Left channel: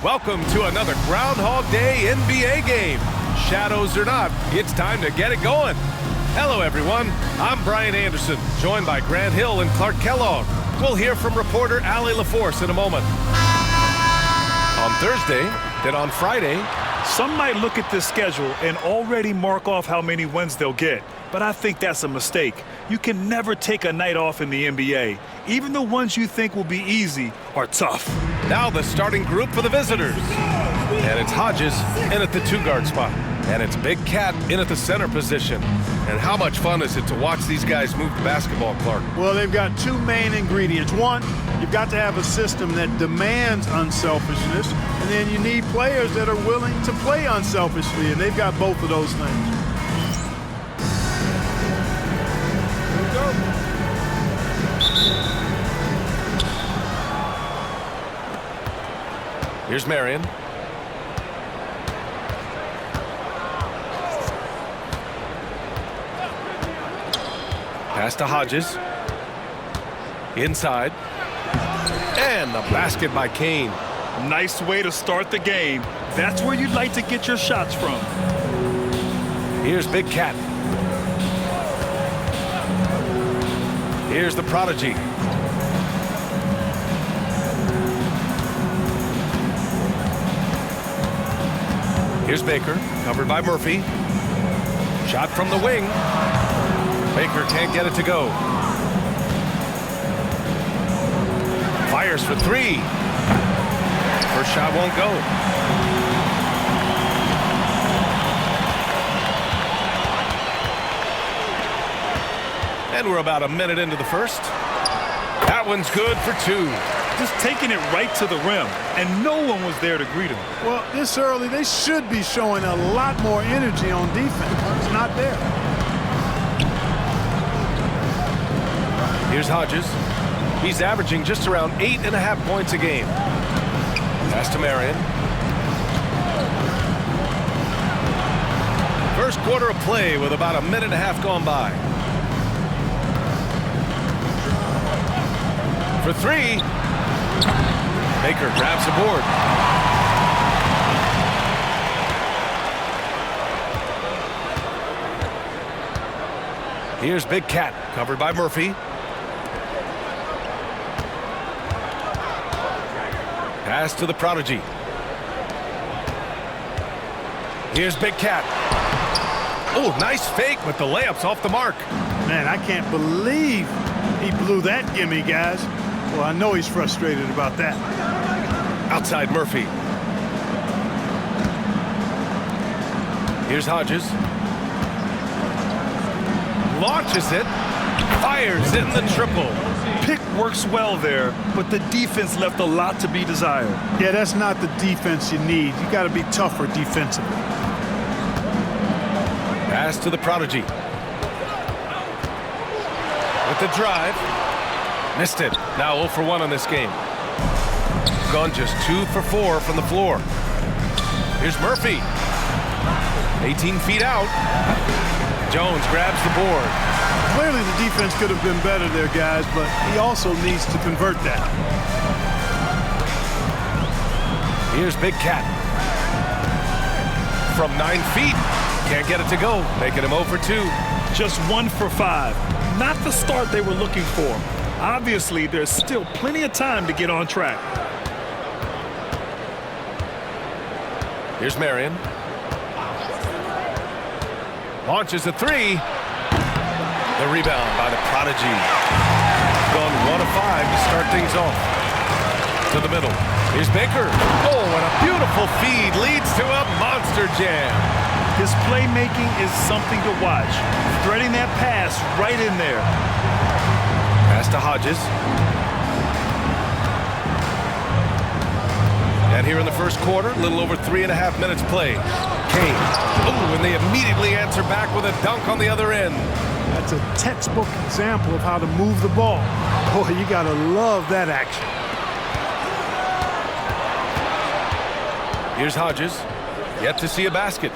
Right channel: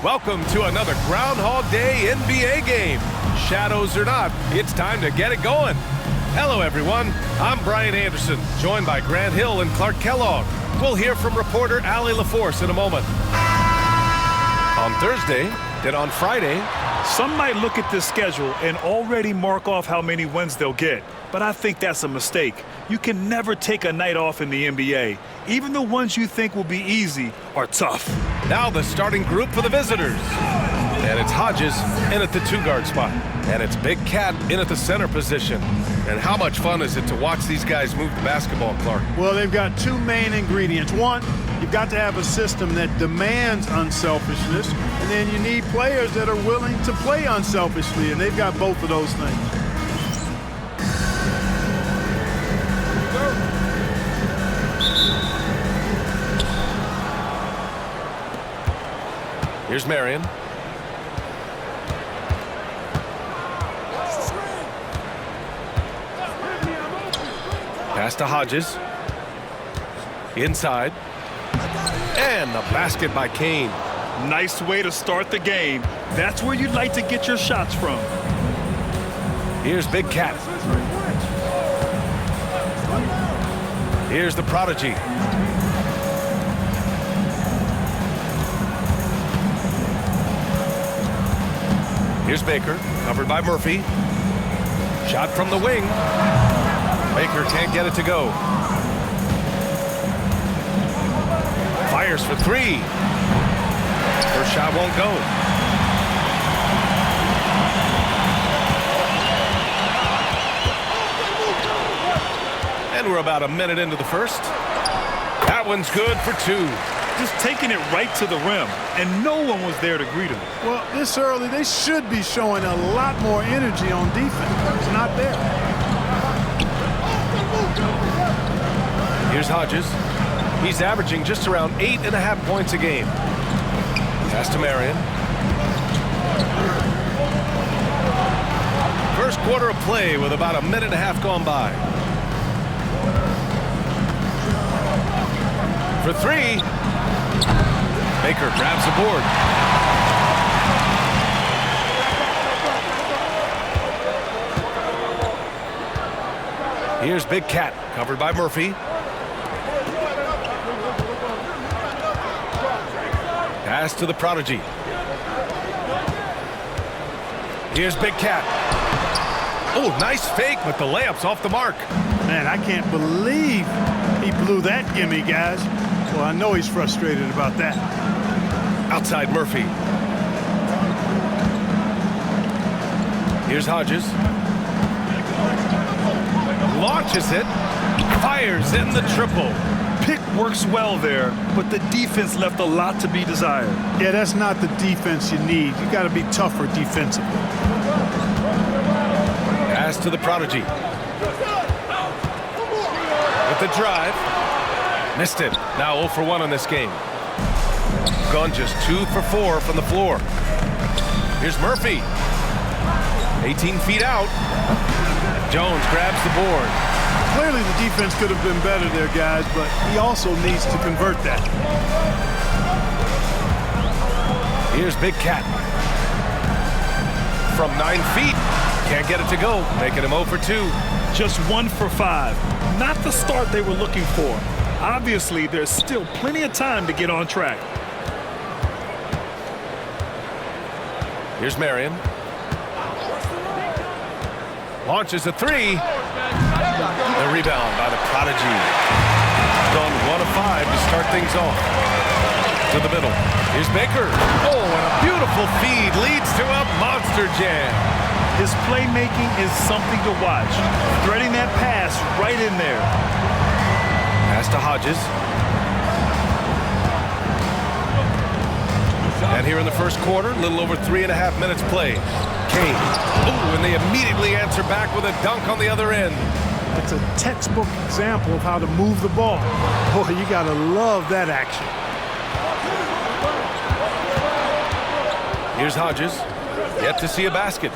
Welcome to another Groundhog Day NBA game. Shadows or not, it's time to get it going. Hello, everyone. I'm Brian Anderson, joined by Grant Hill and Clark Kellogg. We'll hear from reporter Allie LaForce in a moment. On Thursday, then on Friday. Some might look at this schedule and already mark off how many wins they'll get, but I think that's a mistake. You can never take a night off in the NBA. Even the ones you think will be easy are tough. Now the starting group for the visitors. And it's Hodges in at the two-guard spot. And it's Big Cat in at the center position. And how much fun is it to watch these guys move the basketball, Clark? Well, they've got two main ingredients. One, you've got to have a system that demands unselfishness, and then you need players that are willing to play unselfishly, and they've got both of those things. Here you go. Here's Marion. Pass to Hodges. Inside. And the basket by Kane. Nice way to start the game. That's where you'd like to get your shots from. Here's Big Cat. Here's the prodigy. Here's Baker, covered by Murphy. Shot from the wing. Baker can't get it to go. Fires for three. First shot won't go. And we're about a minute into the first. That one's good for two. Just taking it right to the rim, and no one was there to greet him. Well, this early, they should be showing a lot more energy on defense. It's not there. Here's Hodges. He's averaging just around 8.5 points a game. Pass to Marion. First quarter of play with about a minute and a half gone by. For three. Baker grabs the board. Here's Big Cat, covered by Murphy. Pass to the prodigy. Here's Big Cat. Oh, nice fake, but the layup's off the mark. Man, I can't believe he blew that gimme, guys. Well, I know he's frustrated about that. Outside Murphy. Here's Hodges. Launches it. Fires in the triple. Pick works well there, but the defense left a lot to be desired. Yeah, that's not the defense you need. You got to be tougher defensively. Pass to the prodigy. With the drive. Missed it. Now 0 for 1 on this game. Gone just 2 for 4 from the floor. Here's Murphy. 18 feet out. Jones grabs the board. Clearly the defense could have been better there, guys, but he also needs to convert that. Here's Big Cat. From 9 feet. Can't get it to go, making him 0 for 2. Just 1 for 5. Not the start they were looking for. Obviously, there's still plenty of time to get on track. Here's Marion. Launches a three. The rebound by the prodigy. Gone 1 of 5 to start things off. To the middle. Here's Baker. Oh, and a beautiful feed leads to a monster jam. His playmaking is something to watch. Threading that pass right in there. Pass to Hodges. And here in the first quarter, a little over 3.5 minutes played. Kane. Oh, and they immediately answer back with a dunk on the other end. That's a textbook example of how to move the ball. Boy, you got to love that action. Here's Hodges. Yet to see a basket.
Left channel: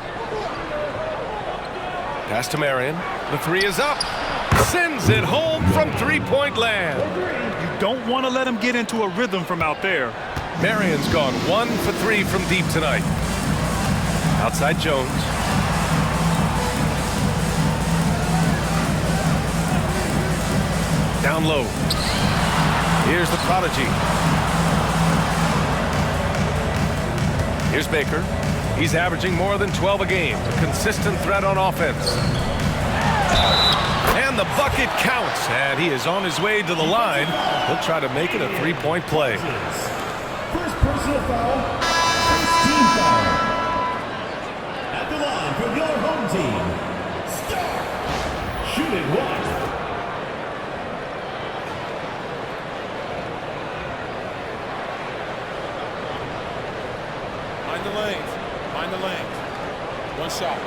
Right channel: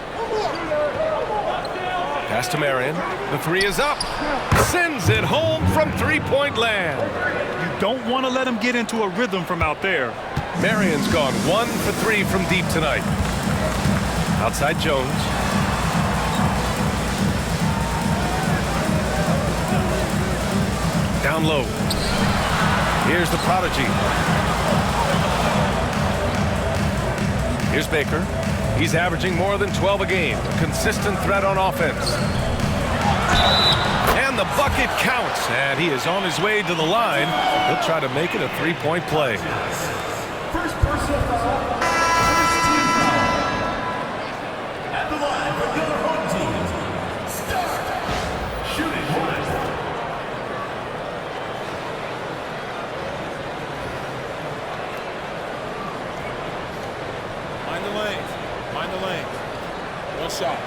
Pass to Marion. The three is up. Sends it home from three-point land. You don't want to let him get into a rhythm from out there. Marion's gone 1 for 3 from deep tonight. Outside Jones. Down low. Here's the prodigy. Here's Baker. He's averaging more than 12 a game. A consistent threat on offense. And the bucket counts. And he is on his way to the line. He'll try to make it a three-point play. First personal foul. First team foul. At the line for your home team. Start. Shooting one. Mind the lanes. Mind the lanes. One shot.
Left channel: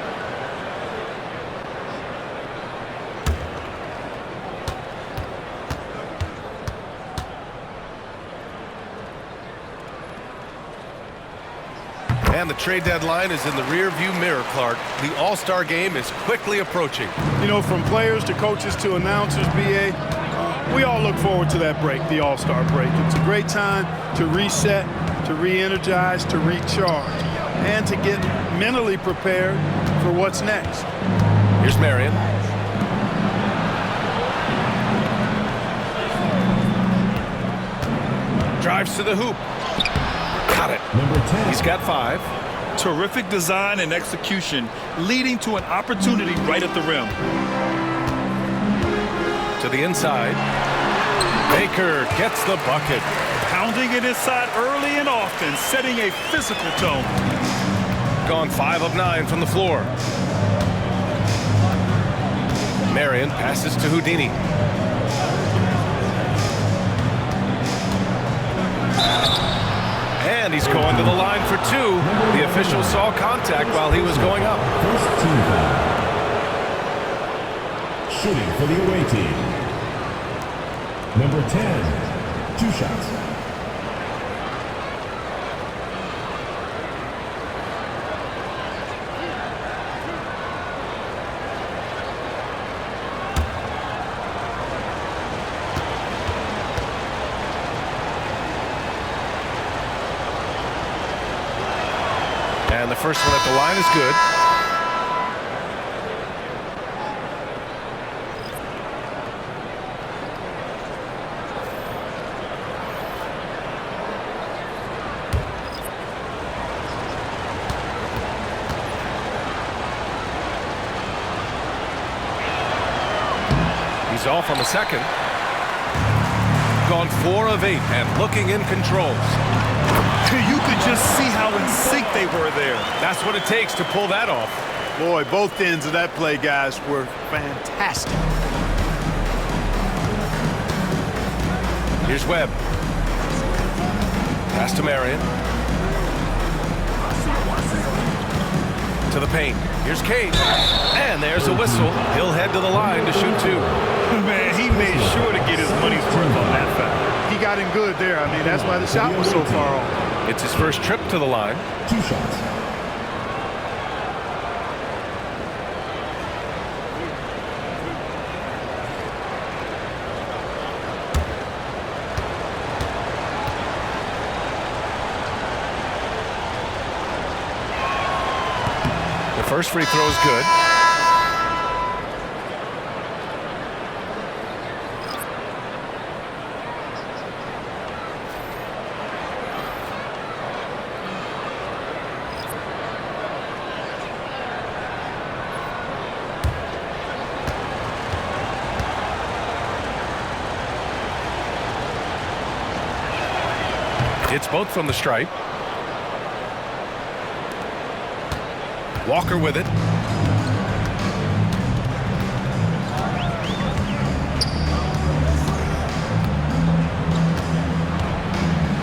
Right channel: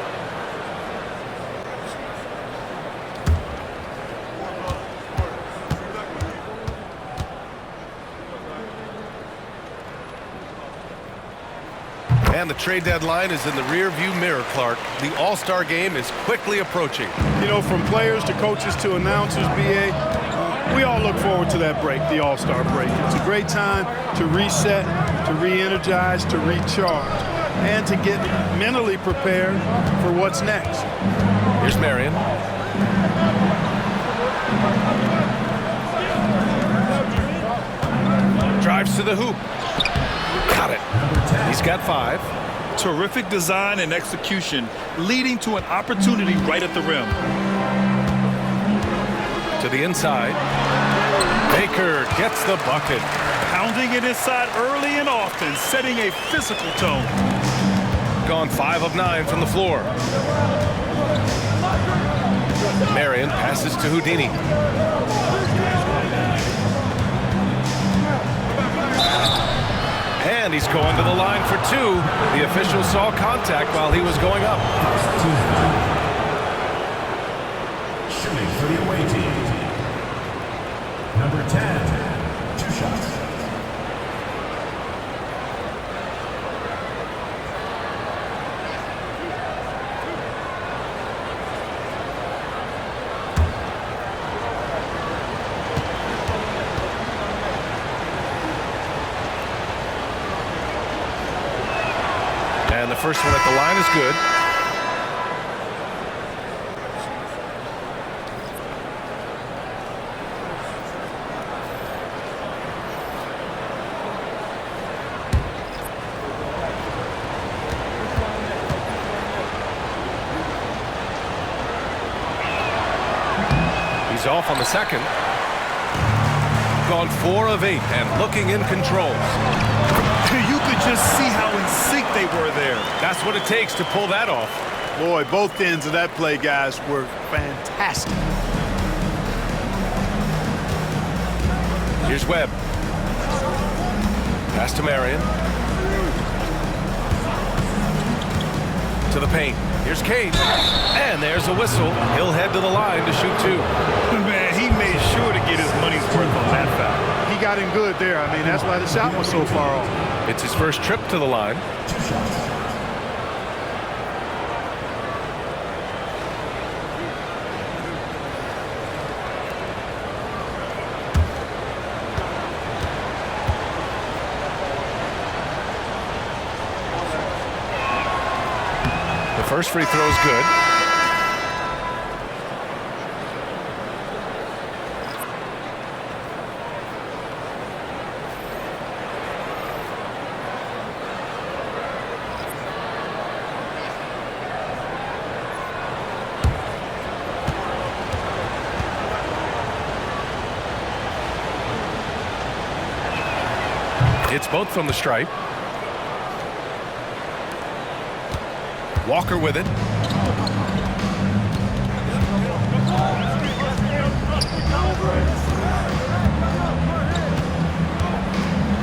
And the trade deadline is in the rear-view mirror, Clark. The All-Star game is quickly approaching. You know, from players to coaches to announcers, B.A., we all look forward to that break, the All-Star break. It's a great time to reset, to re-energize, to recharge, and to get mentally prepared for what's next. Here's Marion. Drives to the hoop. Got it. Number 10. He's got 5. Terrific design and execution, leading to an opportunity right at the rim. To the inside. Baker gets the bucket. Pounding it inside early and often, setting a physical tone. Gone 5 of 9 from the floor. Marion passes to Houdini. And he's going to the line for 2. The official saw contact while he was going up. First team foul. Shooting for the away team. Number 10. 2 shots. And the first one at the line is good. He's off on the second. Gone 4 of 8 and looking in control. You could just see how in sync they were there. That's what it takes to pull that off. Boy, both ends of that play, guys, were fantastic. Here's Webb. Pass to Marion. To the paint. Here's Kane. And there's a whistle. He'll head to the line to shoot 2. Man, he made sure to get his money's worth on that foul. He got him good there. I mean, that's why the shot was so far off. It's his first trip to the line. 2 shots. The first free throw is good. It's both from the stripe. Walker with it.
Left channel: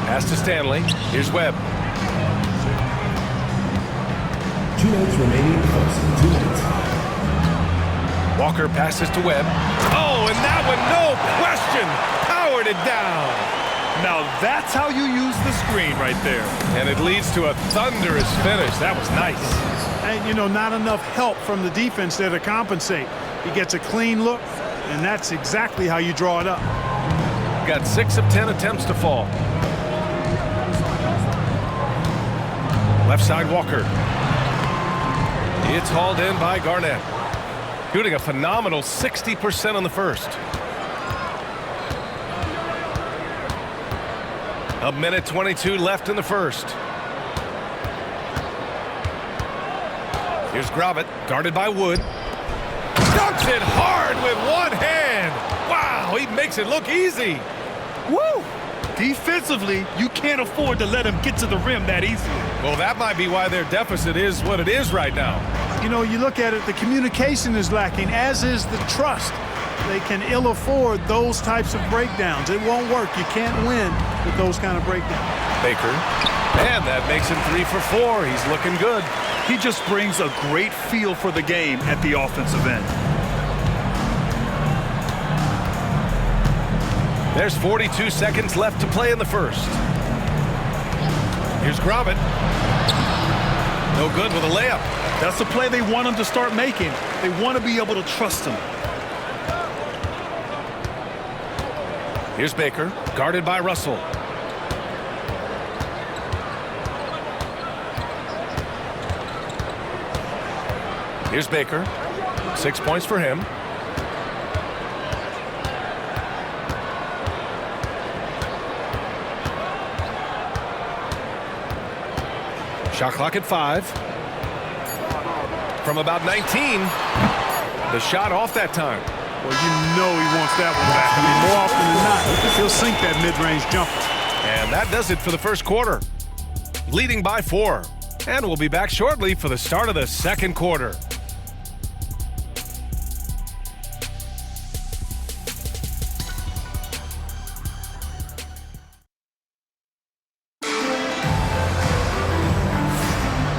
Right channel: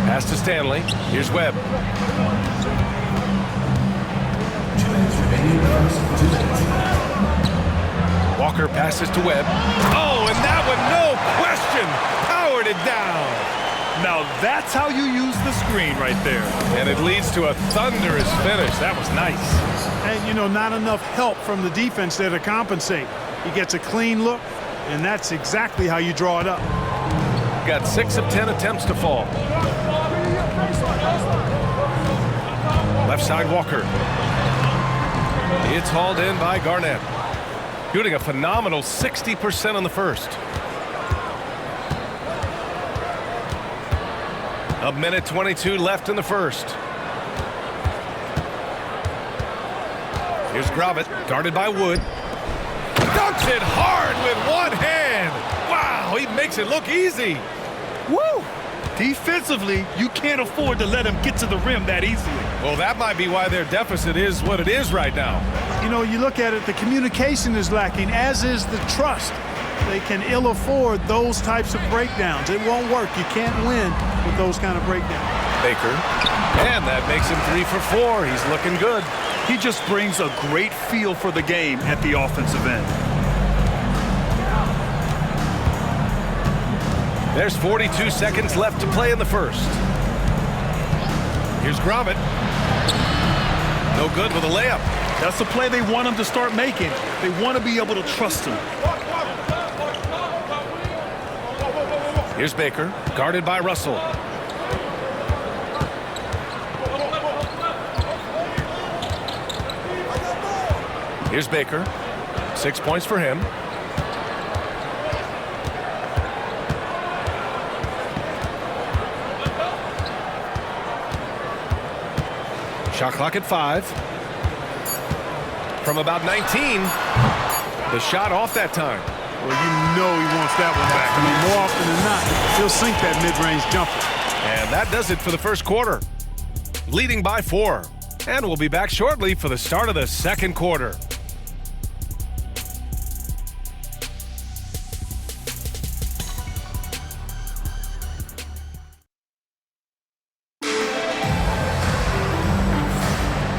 Pass to Stanley. Here's Webb. 2 minutes remaining. 2 minutes. Walker passes to Webb. Oh, and that one, no question, powered it down. Now that's how you use the screen right there. And it leads to a thunderous finish. That was nice. And, you know, not enough help from the defense there to compensate. He gets a clean look, and that's exactly how you draw it up. Got 6 of 10 attempts to fall. Left side Walker. It's hauled in by Garnett. Shooting a phenomenal 60% on the first. A minute 22 left in the first. Here's Gravett, guarded by Wood. Dunks it hard with one hand. Wow, he makes it look easy. Woo! Defensively, you can't afford to let him get to the rim that easily. Well, that might be why their deficit is what it is right now. You know, you look at it, the communication is lacking, as is the trust. They can ill afford those types of breakdowns. It won't work. You can't win with those kind of breakdowns. Baker, and that makes him 3 for 4. He's looking good. He just brings a great feel for the game at the offensive end. There's 42 seconds left to play in the first. Here's Gravett. No good with a layup. That's the play they want him to start making. They want to be able to trust him. Here's Baker, guarded by Russell. Here's Baker. 6 points for him. Shot clock at 5. From about 19. The shot off that time. Well, you know he wants that one back. I mean, more often than not, he'll sink that mid-range jumper. And that does it for the first quarter. Leading by 4. And we'll be back shortly for the start of the second quarter.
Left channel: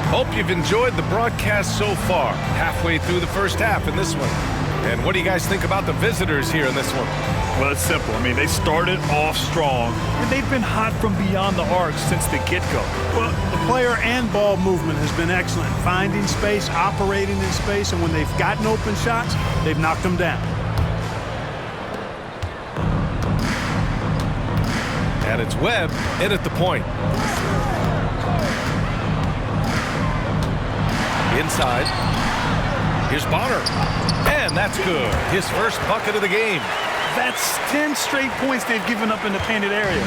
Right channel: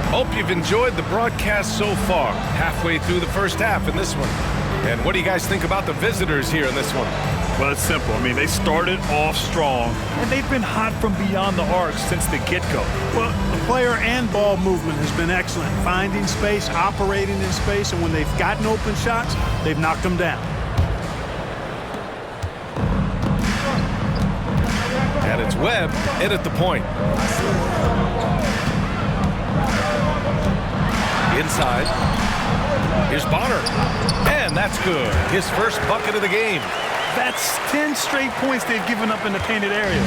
Hope you've enjoyed the broadcast so far. Halfway through the first half in this one. And what do you guys think about the visitors here in this one? Well, it's simple. I mean, they started off strong, and they've been hot from beyond the arc since the get-go. Well, the player and ball movement has been excellent. Finding space, operating in space, and when they've gotten open shots, they've knocked them down. And it's Webb in at the point. Inside. Here's Bonner. And that's good. His first bucket of the game. That's 10 straight points they've given up in the painted area.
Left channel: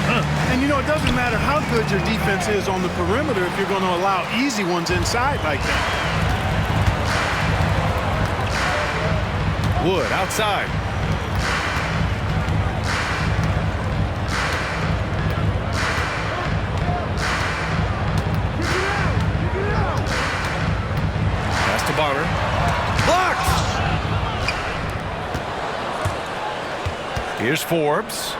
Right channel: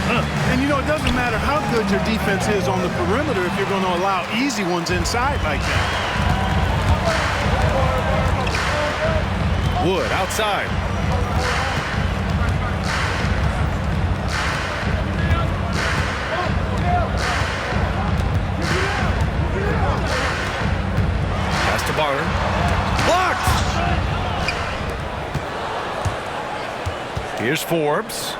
And, you know, it doesn't matter how good your defense is on the perimeter if you're going to allow easy ones inside like that. Wood outside. Pass to Bonner. Blocked! Here's Forbes.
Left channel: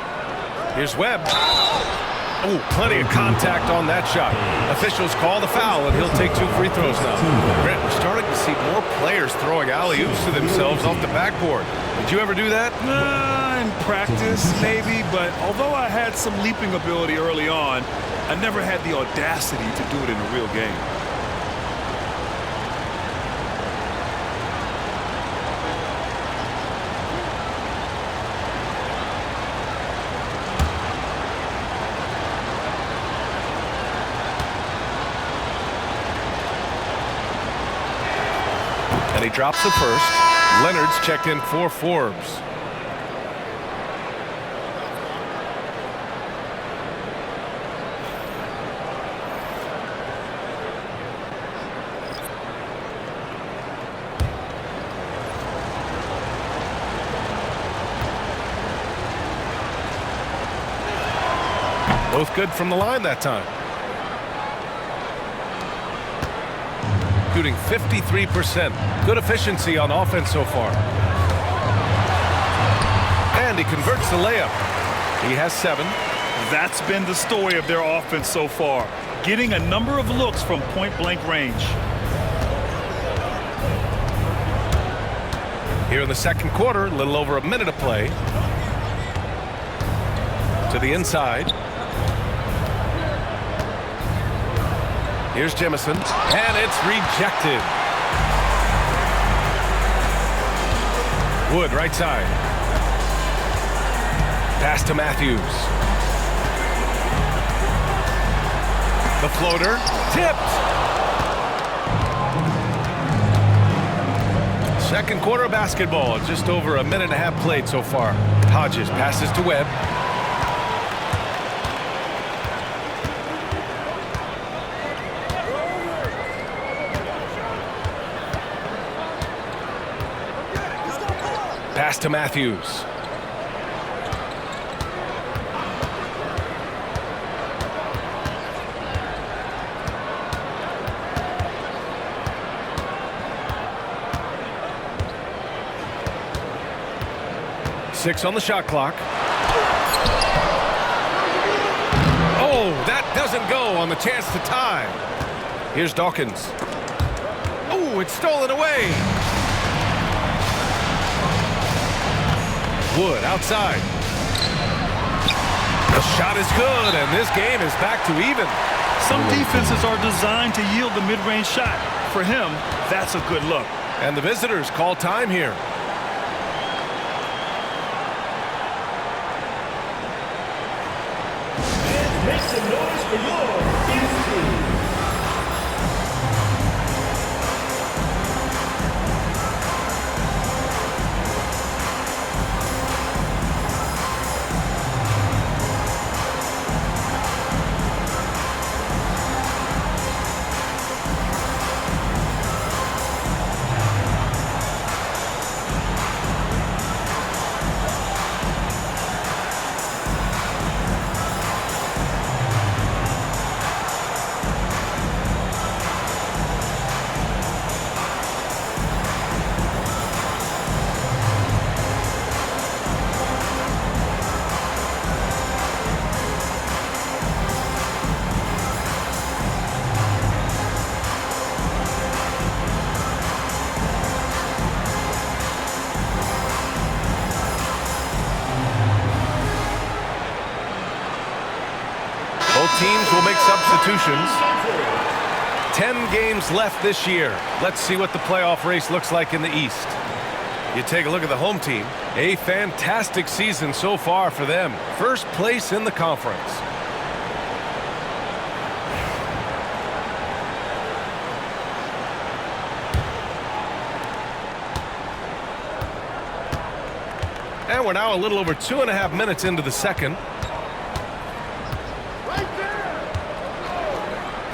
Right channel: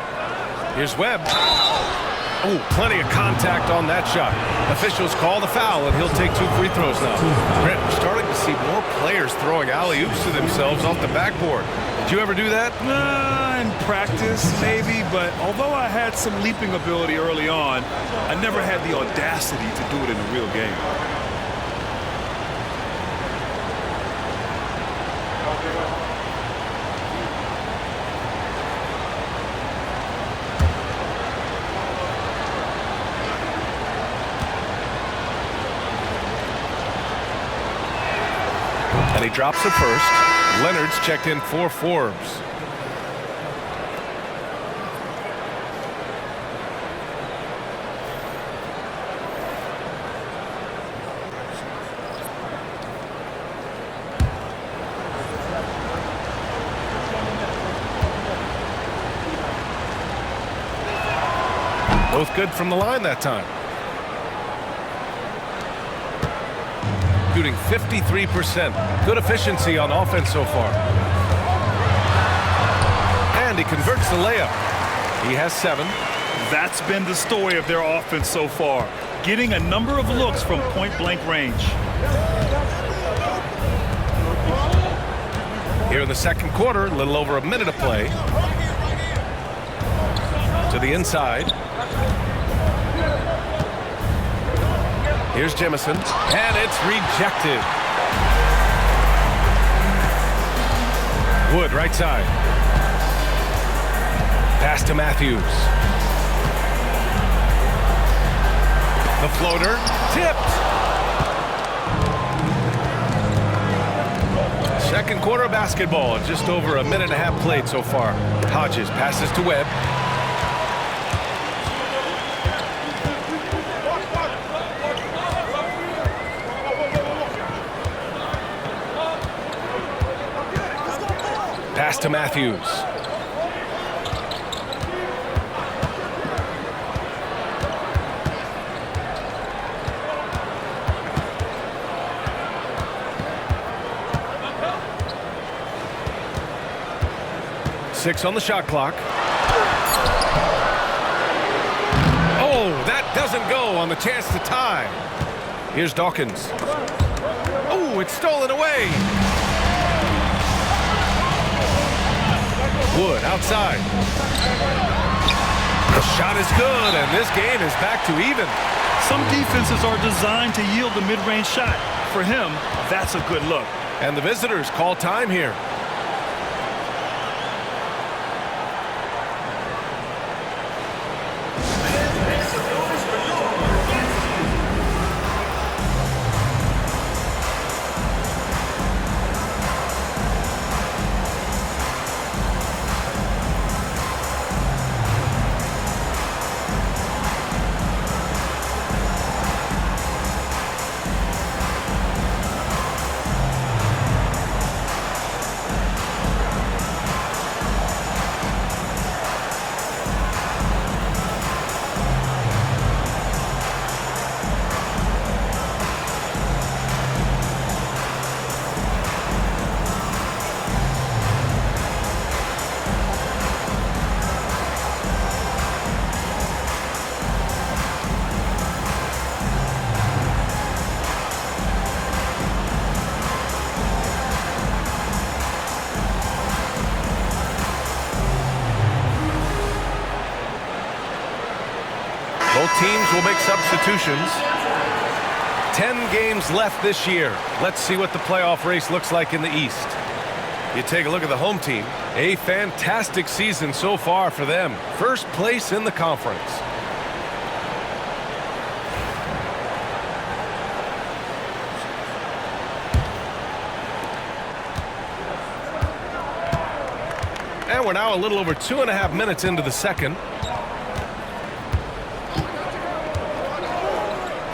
Here's Webb. Oh, plenty of contact on that shot. Officials call the foul, and he'll take 2 free throws now. Grant, we're starting to see more players throwing alley-oops to themselves off the backboard. Did you ever do that? In practice, maybe, but although I had some leaping ability early on, I never had the audacity to do it in a real game. And he drops the first. Leonard's checked in for Forbes. Both good from the line that time. Shooting 53%. Good efficiency on offense so far. And he converts the layup. He has 7. That's been the story of their offense so far, getting a number of looks from point-blank range. Here in the second quarter, a little over a minute of play. To the inside. Here's Jemison, and it's rejected. Wood, right side. Pass to Matthews. The floater, tipped. Second quarter of basketball, just over a minute and a half played so far. Hodges passes to Webb. Pass to Matthews. Six on the shot clock. Oh, that doesn't go on the chance to tie. Here's Dawkins. Oh, it's stolen away. Wood outside. The shot is good, and this game is back to even. Some defenses are designed to yield the mid-range shot. For him, that's a good look. And the visitors call time here. Make some noise for your dance team. Both teams will make substitutions. 10 games left this year. Let's see what the playoff race looks like in the East. You take a look at the home team. A fantastic season so far for them. First place in the conference. And we're now a little over 2.5 minutes into the second.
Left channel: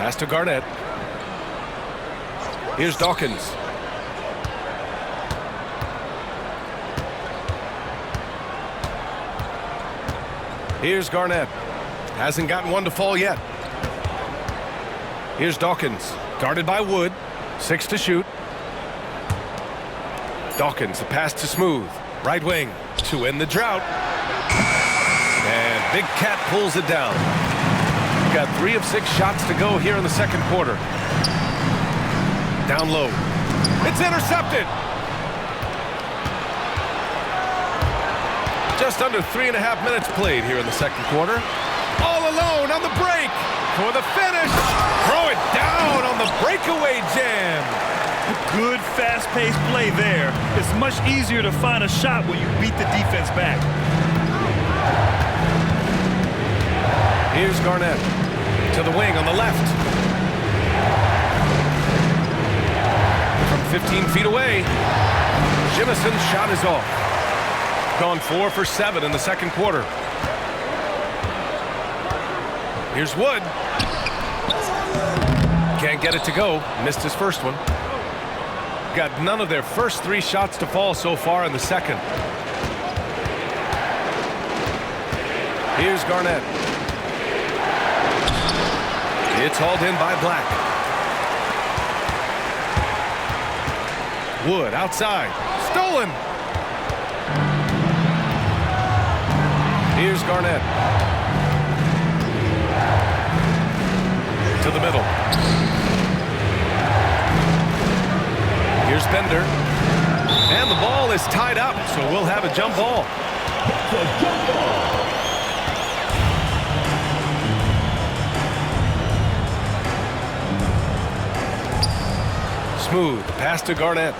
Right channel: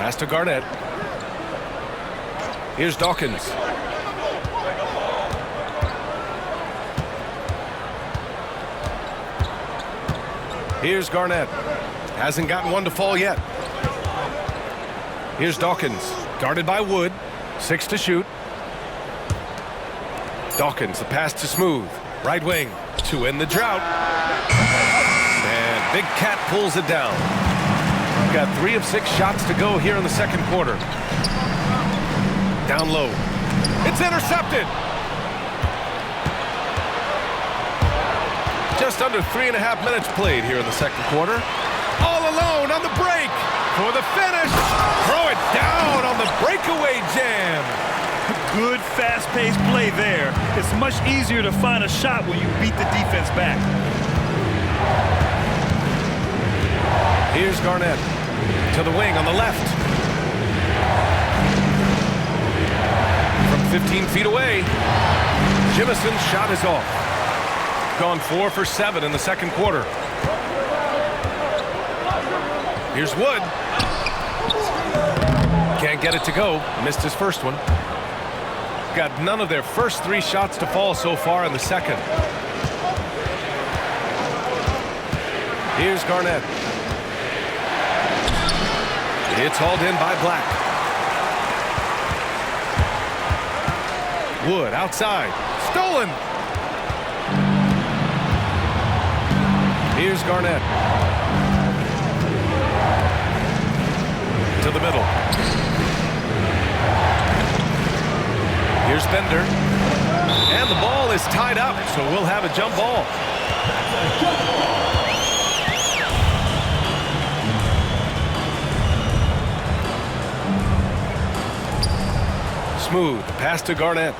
Pass to Garnett. Here's Dawkins. Here's Garnett. Hasn't gotten one to fall yet. Here's Dawkins. Guarded by Wood. 6 to shoot. Dawkins, the pass to Smooth. Right wing to end the drought. And Big Cat pulls it down. Got 3 of 6 shots to go here in the second quarter. Down low. It's intercepted. Just under 3.5 minutes played here in the second quarter. All alone on the break for the finish. Throw it down on the breakaway jam. Good fast-paced play there. It's much easier to find a shot when you beat the defense back. Here's Garnett. To the wing on the left. From 15 feet away, Jimison's shot is off. Gone 4 for 7 in the second quarter. Here's Wood. Can't get it to go. Missed his first one. Got none of their first 3 shots to fall so far in the second. Here's Garnett. It's hauled in by Black. Wood outside. Stolen. Here's Garnett. To the middle. Here's Bender. And the ball is tied up, so we'll have a jump ball. That's a jump ball. Smooth. The pass to Garnett.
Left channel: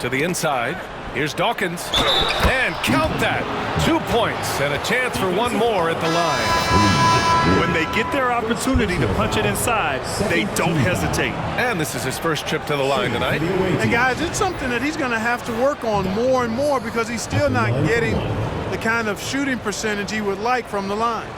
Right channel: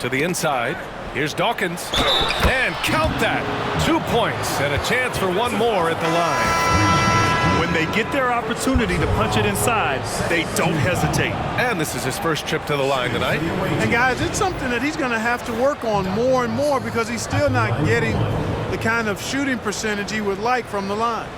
To the inside. Here's Dawkins. And count that. 2 points and a chance for one more at the line. When they get their opportunity to punch it inside, they don't hesitate. And this is his first trip to the line tonight. And guys, it's something that he's going to have to work on more and more because he's still not getting the kind of shooting percentage he would like from the line.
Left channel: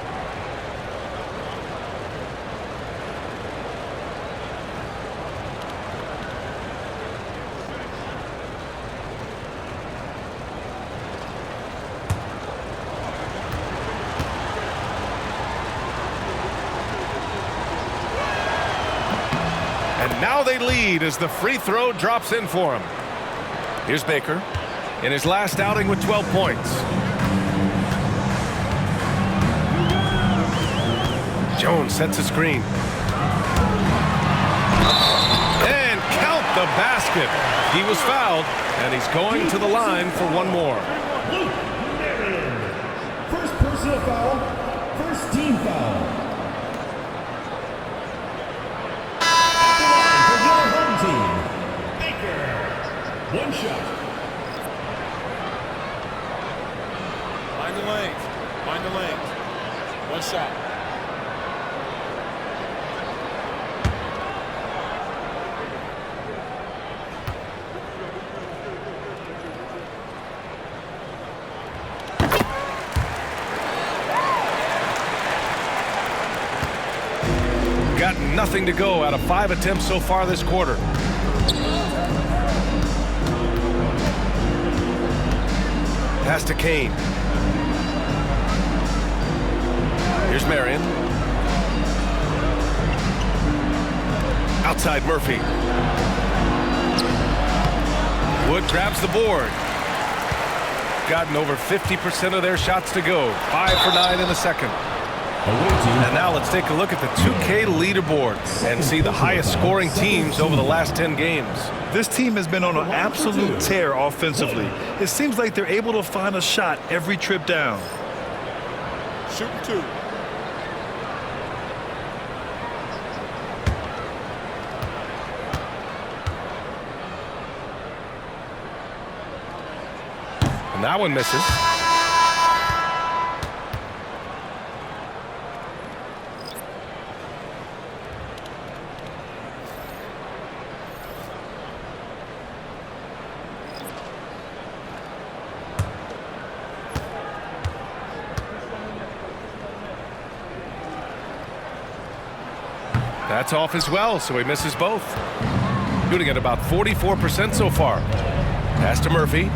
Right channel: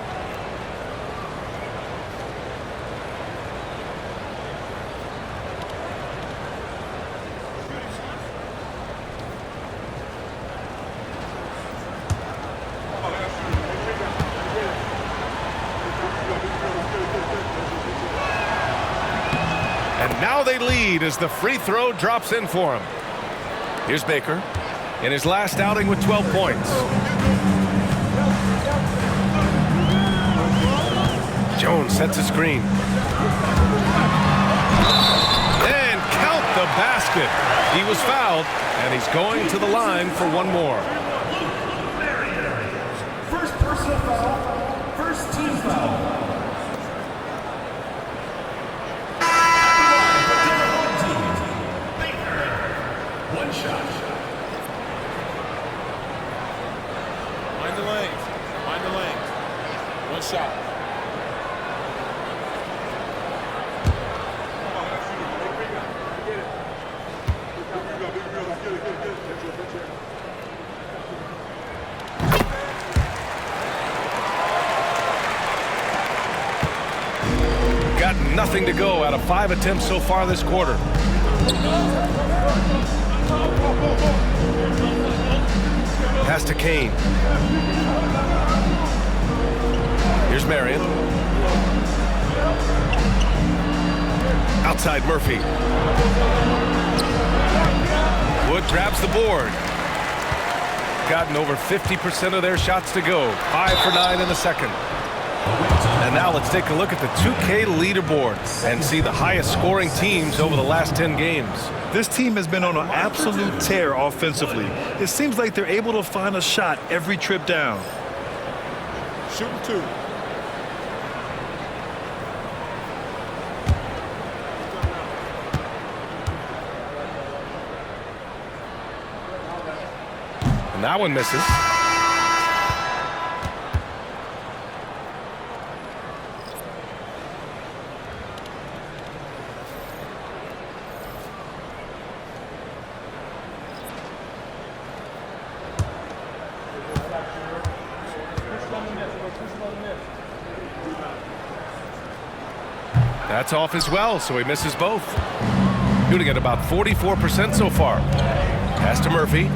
And now they lead as the free throw drops in for him. Here's Baker in his last outing with 12 points. Jones sets a screen. And count the basket. He was fouled, and he's going to the line for one more. First personal foul, first team foul. One shot. Mind the lanes. Mind the lanes. One shot. Got nothing to go out of 5 attempts so far this quarter. Pass to Kane. Here's Marion. Outside Murphy. Wood grabs the board. Gotten over 50% of their shots to go. 5 for 9 in the second. And now let's take a look at the 2K leaderboard and see the highest scoring teams over the last 10 games. This team has been on an absolute tear offensively. It seems like they're able to find a shot every trip down. Shooting 2. And that one misses. That's off as well, so he misses both. Shooting at about 44% so far. Pass to Murphy.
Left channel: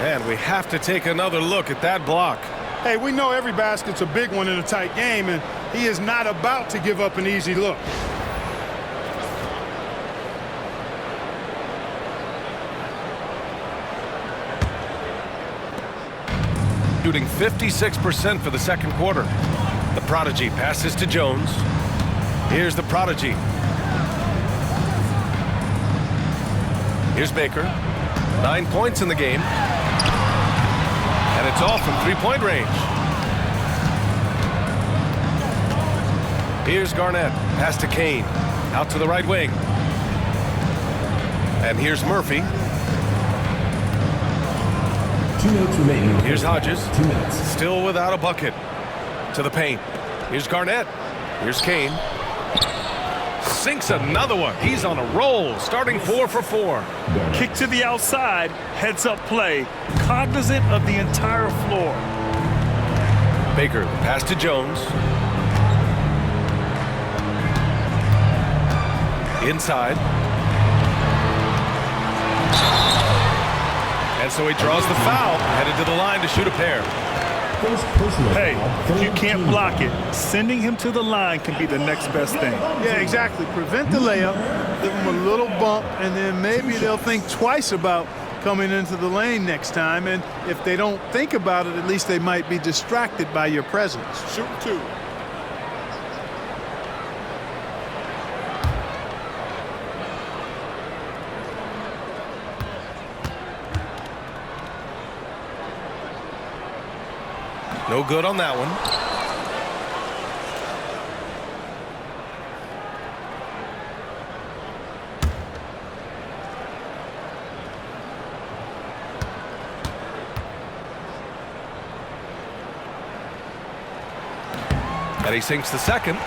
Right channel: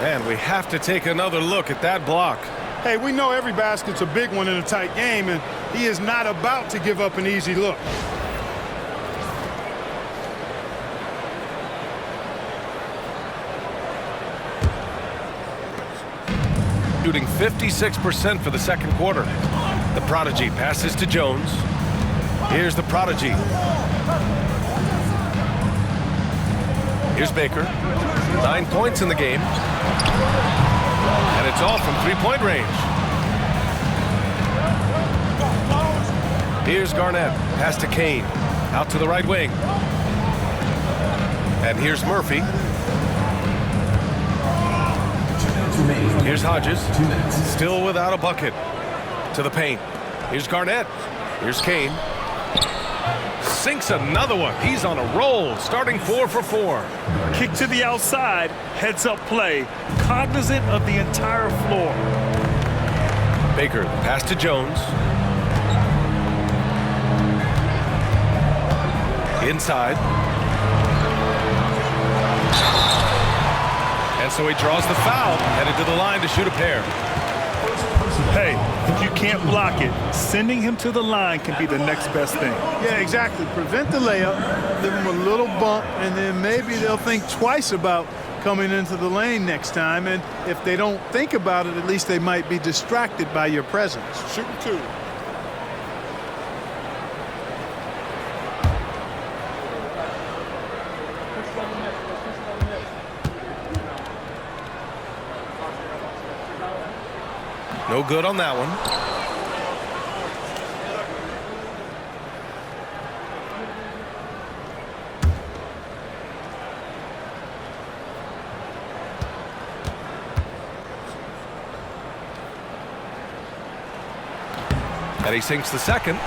And we have to take another look at that block. Hey, we know every basket's a big one in a tight game, and he is not about to give up an easy look. Shooting 56% for the second quarter. The Prodigy passes to Jones. Here's the Prodigy. Here's Baker. 9 points in the game. And it's off from three-point range. Here's Garnett. Pass to Kane. Out to the right wing. And here's Murphy. 2 minutes remaining. Here's Hodges. 2 minutes. Still without a bucket. To the paint. Here's Garnett. Here's Kane. Sinks another one. He's on a roll, starting 4 for 4. Kick to the outside, heads-up play, cognizant of the entire floor. Baker, the pass to Jones. Inside. And so he draws the foul, headed to the line to shoot a pair. Hey, if you can't block it, sending him to the line can be the next best thing. Yeah, exactly. Prevent the layup, give them a little bump, and then maybe they'll think twice about coming into the lane next time. And if they don't think about it, at least they might be distracted by your presence. Shooting 2. No good on that one. And he sinks the second.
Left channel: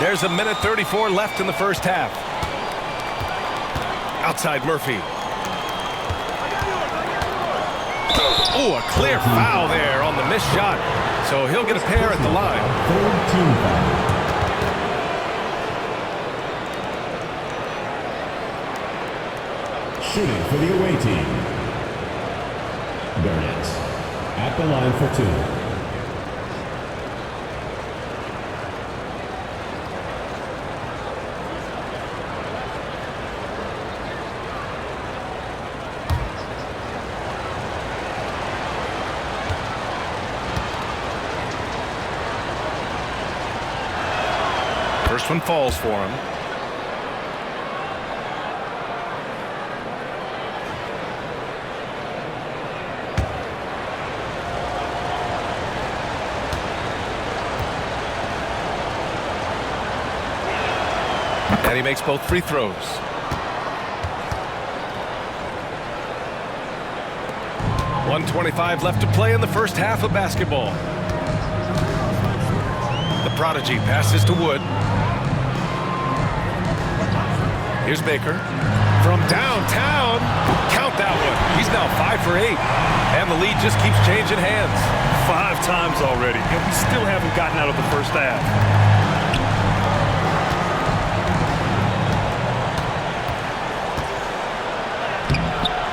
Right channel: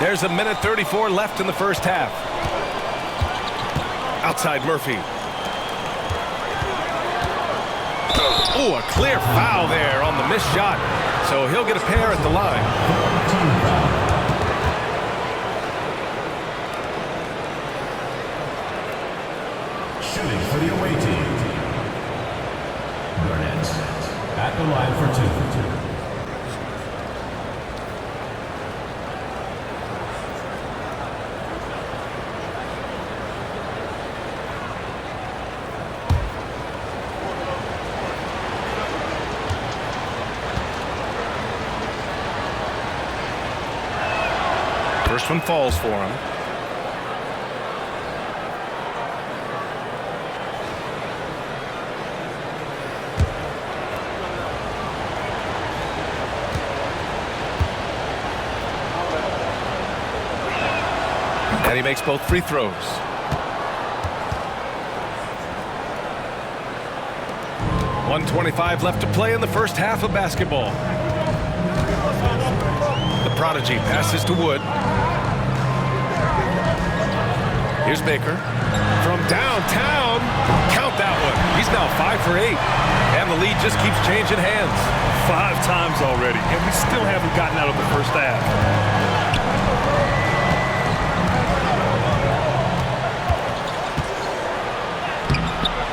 There's a minute 34 left in the first half. Outside Murphy. Oh, a clear foul there on the missed shot. So he'll get a pair at the line. Shooting for the away team, Burnett at the line for 2. First one falls for him. And he makes both free throws. .125 left to play in the first half of basketball. The prodigy passes to Wood. Here's Baker. From downtown, count that one. He's now 5 for 8. And the lead just keeps changing hands. 5 times already, and we still haven't gotten out of the first half.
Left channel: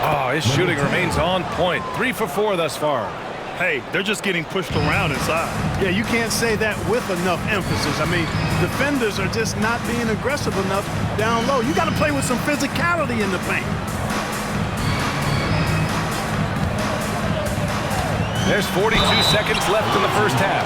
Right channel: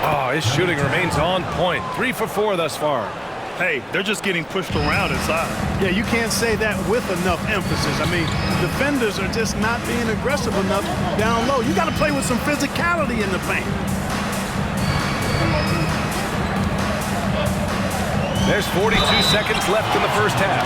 Oh, his shooting remains on point. 3 for 4 thus far. Hey, they're just getting pushed around inside. Yeah, you can't say that with enough emphasis. I mean, defenders are just not being aggressive enough down low. You got to play with some physicality in the paint. There's 42 seconds left in the first half.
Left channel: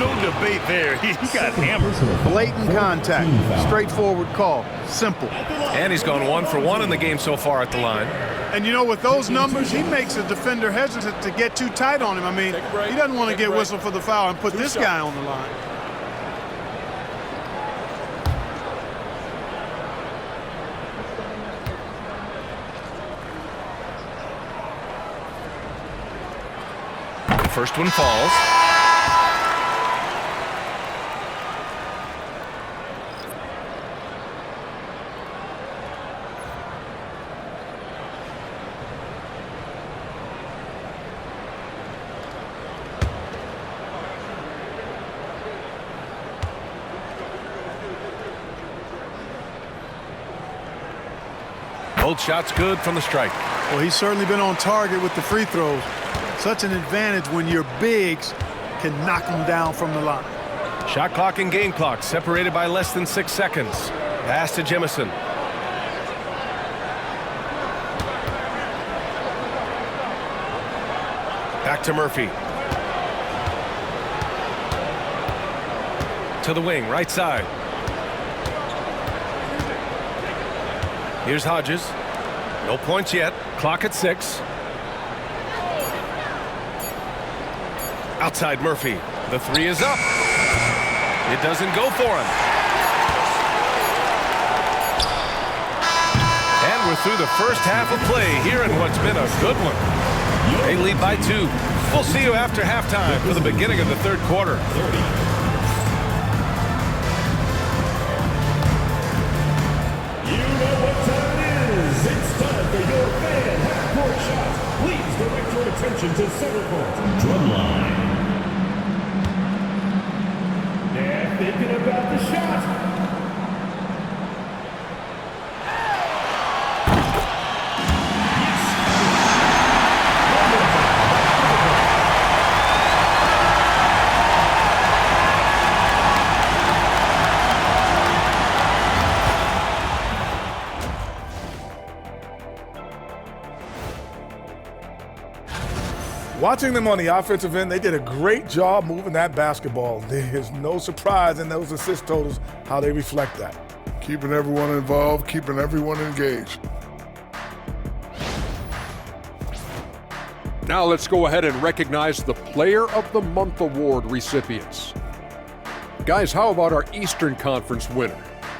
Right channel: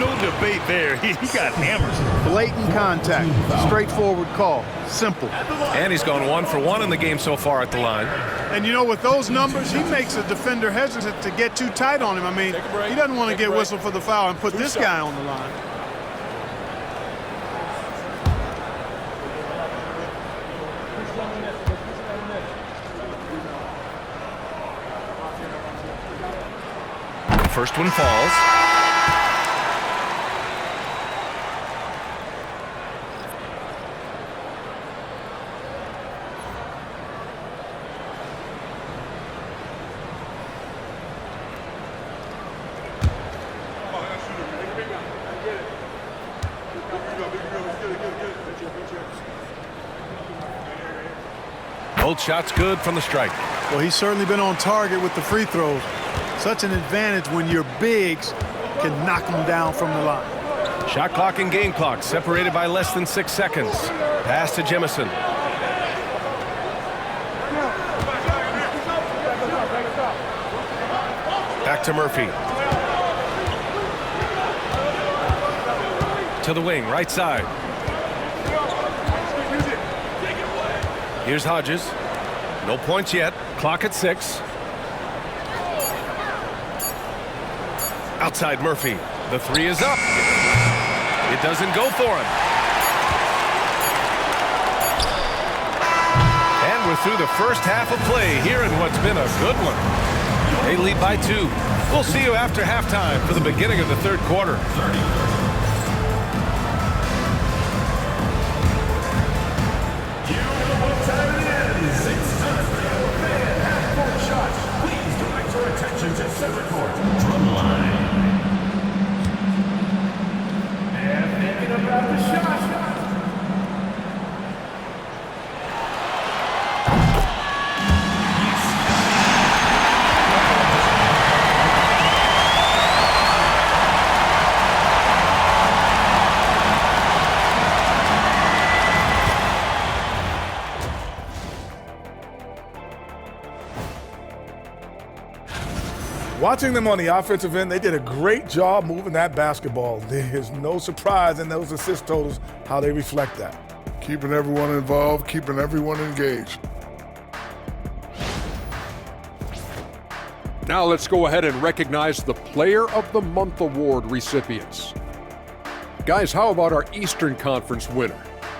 No debate there. He got hammered. Blatant contact. Straightforward call. Simple. And he's gone 1 for 1 in the game so far at the line. And you know, with those numbers, he makes a defender hesitant to get too tight on him. I mean, he doesn't want to get whistled for the foul and put this guy on the line. The first one falls. Both shots good from the strike. Well, he's certainly been on target with the free throws. Such an advantage when your bigs can knock them down from the line. Shot clock and game clock separated by less than 6 seconds. Pass to Jemison. Back to Murphy. To the wing, right side. Here's Hodges. No points yet. Clock at 6. Outside Murphy. The 3 is up. It doesn't go for him. And we're through the first half of play here in what's been a good one. They lead by 2. We'll see you after halftime for the beginning of the third quarter. 30. To center court, drumline. And thinking about the shot. Watching them on the offensive end, they did a great job moving that basketball. There's no surprise in those assist totals how they reflect that. Keeping everyone involved, keeping everyone engaged. Now let's go ahead and recognize the Player of the Month Award recipients. Guys, how about our Eastern Conference winner?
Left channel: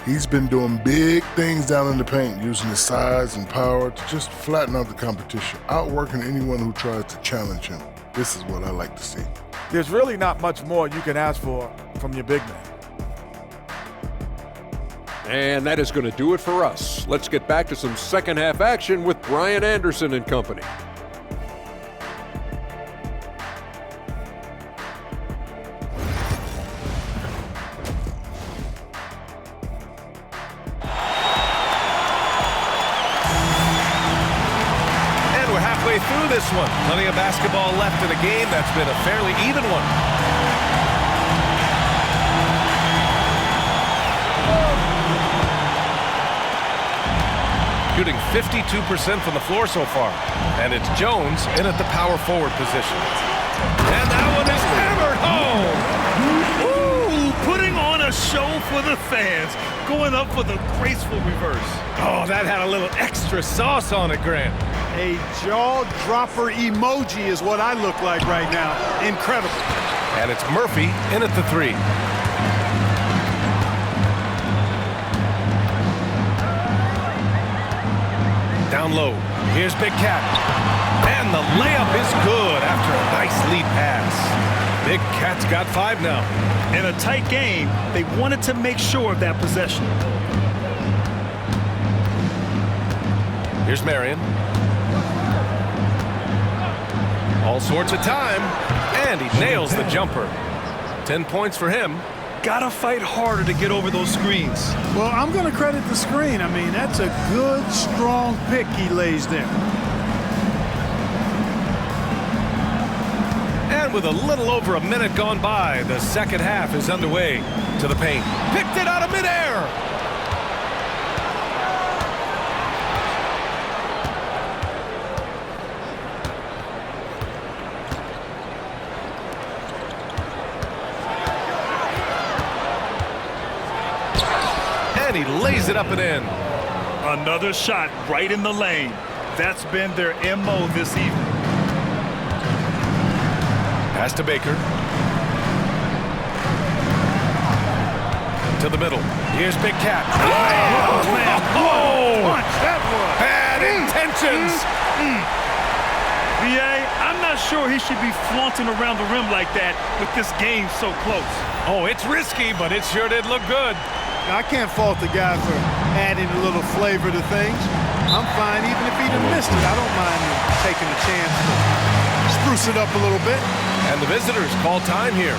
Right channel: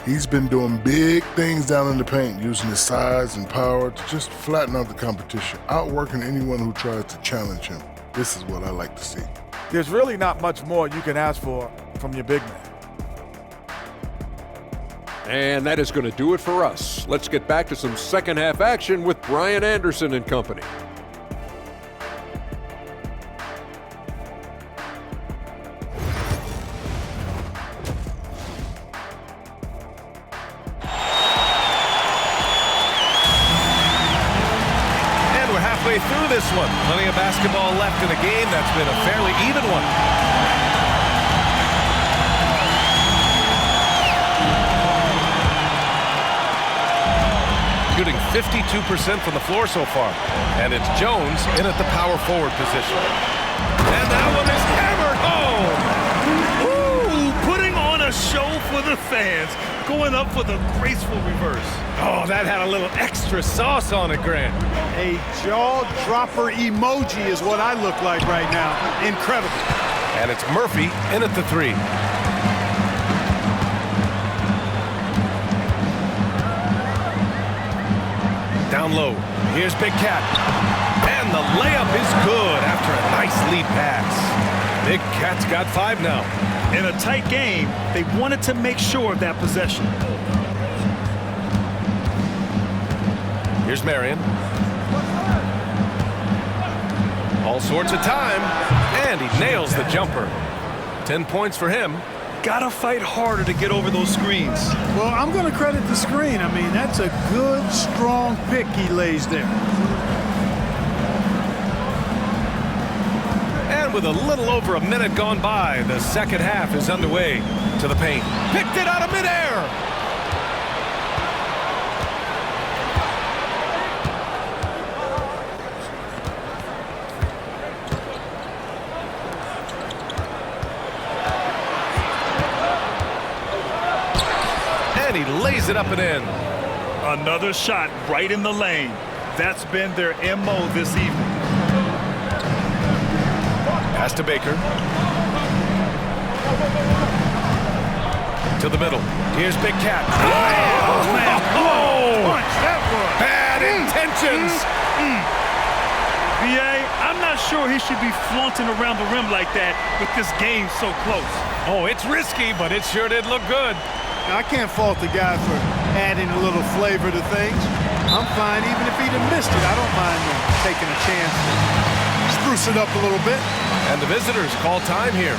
He's been doing big things down in the paint, using his size and power to just flatten out the competition, outworking anyone who tries to challenge him. This is what I like to see. There's really not much more you can ask for from your big man. And that is going to do it for us. Let's get back to some second half action with Brian Anderson and company. And we're halfway through this one. Plenty of basketball left in a game that's been a fairly even one. Shooting 52% from the floor so far. And it's Jones in at the power forward position. And that one is hammered home. Ooh, putting on a show for the fans. Going up for the graceful reverse. Oh, that had a little extra sauce on it, Grant. A jaw-dropper emoji is what I look like right now. Incredible. And it's Murphy in at the three. Down low. Here's Big Cat. And the layup is good after a nice lead pass. Big Cat's got 5 now. In a tight game, they wanted to make sure of that possession. Here's Marion. All sorts of time. And he nails the jumper. 10 points for him. Gotta fight harder to get over those screens. Well, I'm going to credit the screen. I mean, that's a good, strong pick he lays there. And with a little over a minute gone by, the second half is underway. To the paint. Picked it out of midair. And he lays it up and in. Another shot right in the lane. That's been their MO this evening. Pass to Baker. To the middle. Here's Big Cat. Oh, man. Oh! Punch that was. Bad intentions. VA, I'm not sure he should be flaunting around the rim like that with this game so close. Oh, it's risky, but it sure did look good. I can't fault the guy for adding a little flavor to things. I'm fine even if he'd have missed it. I don't mind him taking a chance to spruce it up a little bit. And the visitors call time here.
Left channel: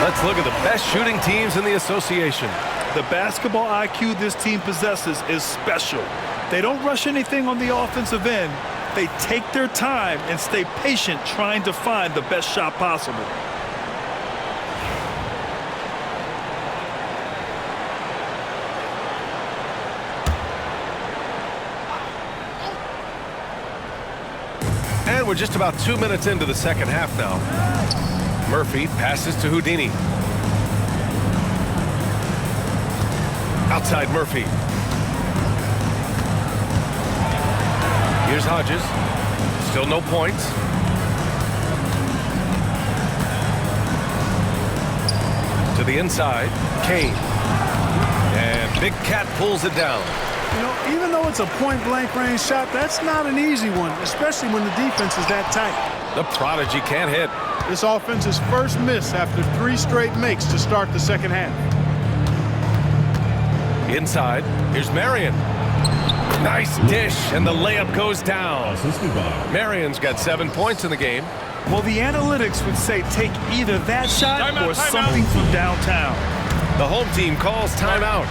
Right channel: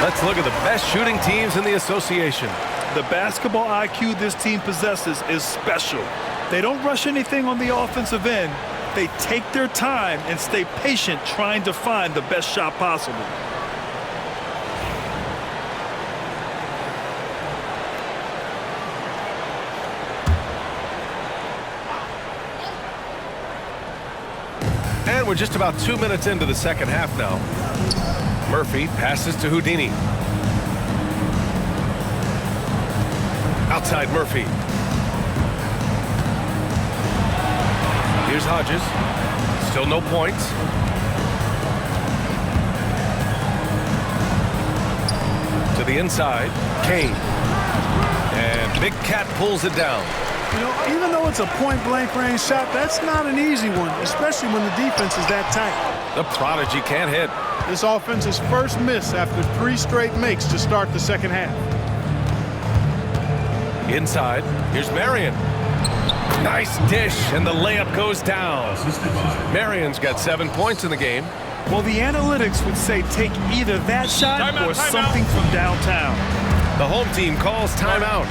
Let's look at the best shooting teams in the association. The basketball IQ this team possesses is special. They don't rush anything on the offensive end. They take their time and stay patient trying to find the best shot possible. And we're just about 2 minutes into the second half now. Murphy passes to Houdini. Outside Murphy. Here's Hodges. Still no points. To the inside, Kane. And Big Cat pulls it down. You know, even though it's a point-blank range shot, that's not an easy one, especially when the defense is that tight. The prodigy can't hit. This offense's first miss after 3 straight makes to start the second half. Inside, here's Marion. Nice dish, and the layup goes down. Marion's got 7 points in the game. Well, the analytics would say take either that shot or something from downtown. The home team calls timeout.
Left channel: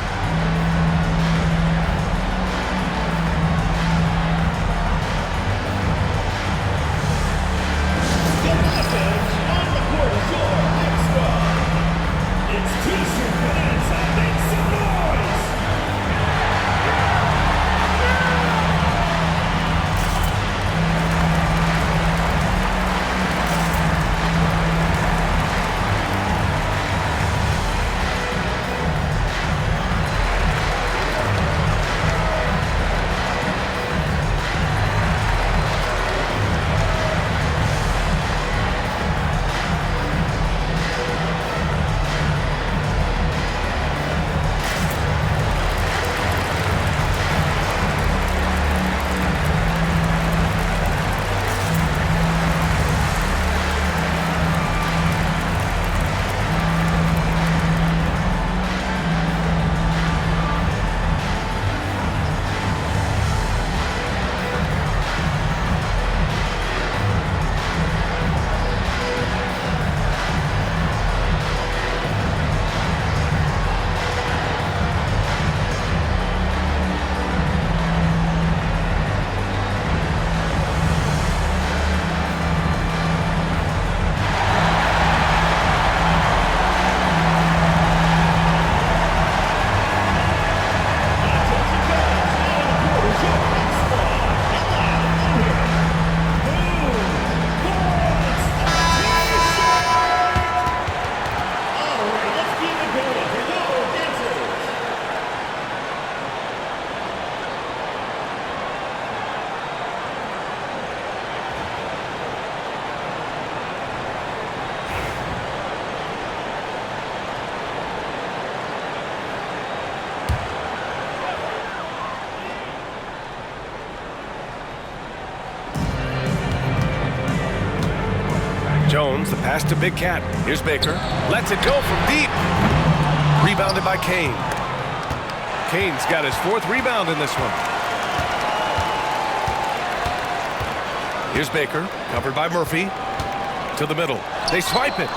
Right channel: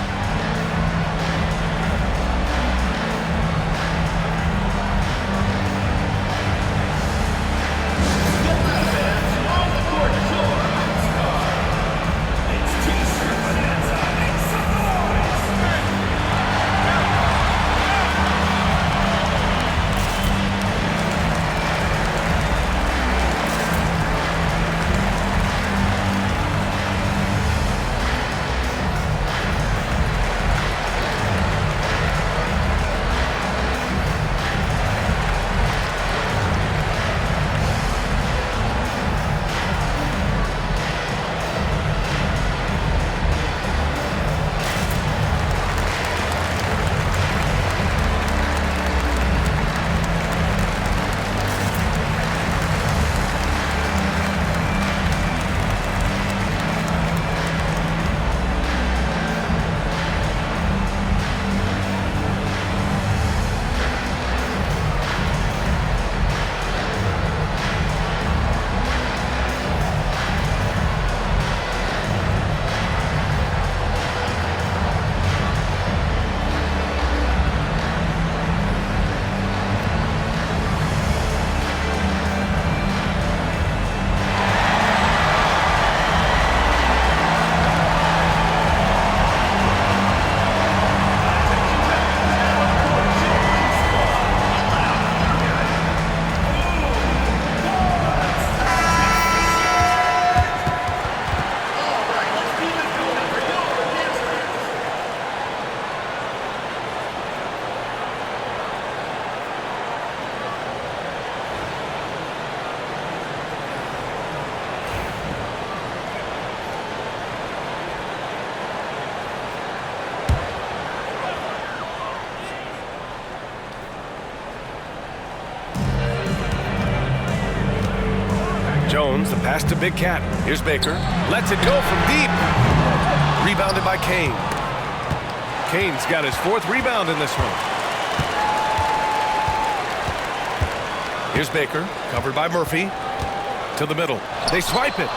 Jones, the pass to Big Cat. Here's Baker. Lets it go from deep. Rebounded by Kane. Kane's got his 4th rebound in this one. Here's Baker, covered by Murphy. To the middle. They swipe it.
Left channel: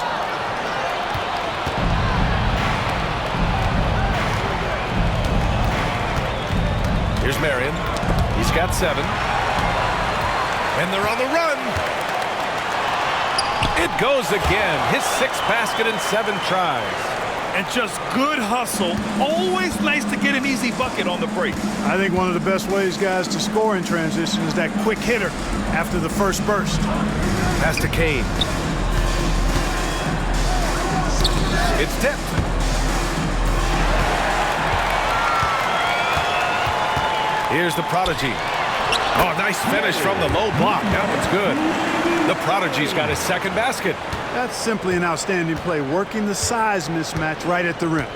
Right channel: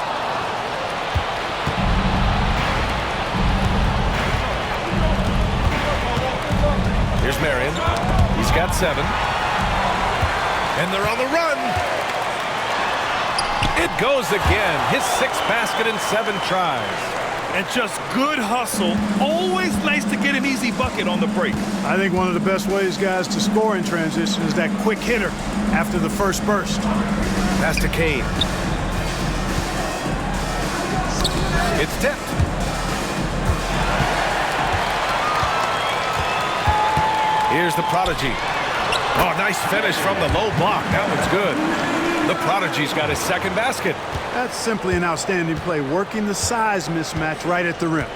Here's Marion. He's got 7. And they're on the run. It goes again. His 6th basket in 7 tries. And just good hustle. Always nice to get an easy bucket on the break. I think one of the best ways, guys, to score in transition is that quick hitter after the first burst. Pass to Kane. It's tipped. Here's the prodigy. Oh, nice finish from the low block. That one's good. The prodigy's got his 2nd basket. That's simply an outstanding play, working the size mismatch right at the rim.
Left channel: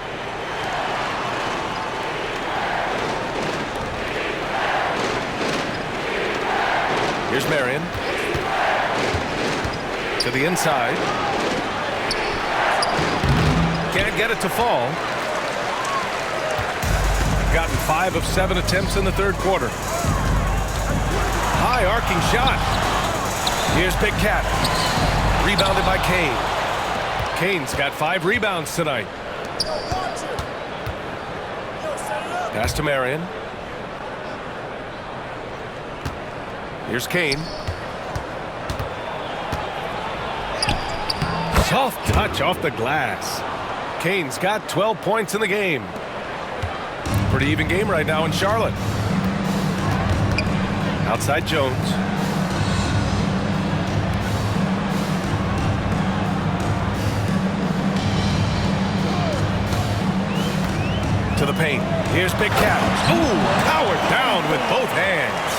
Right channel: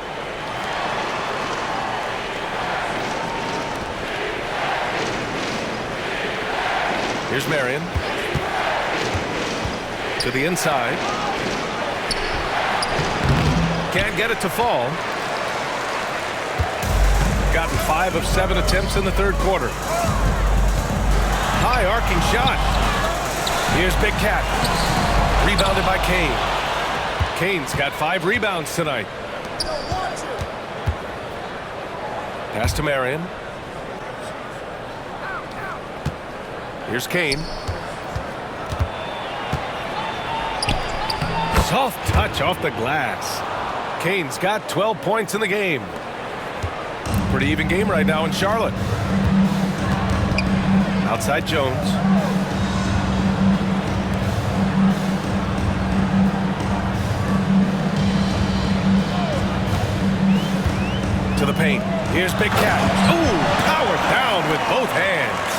Here's Marion. To the inside. Can't get it to fall. Gotten 5 of 7 attempts in the 3rd quarter. High arcing shot. Here's Big Cat. Rebounded by Kane. Kane's got 5 rebounds tonight. Pass to Marion. Here's Kane. Soft touch off the glass. Kane's got 12 points in the game. Pretty even game right now in Charlotte. Outside Jones. To the paint. Here's Big Cat. Ooh, powered down with both hands.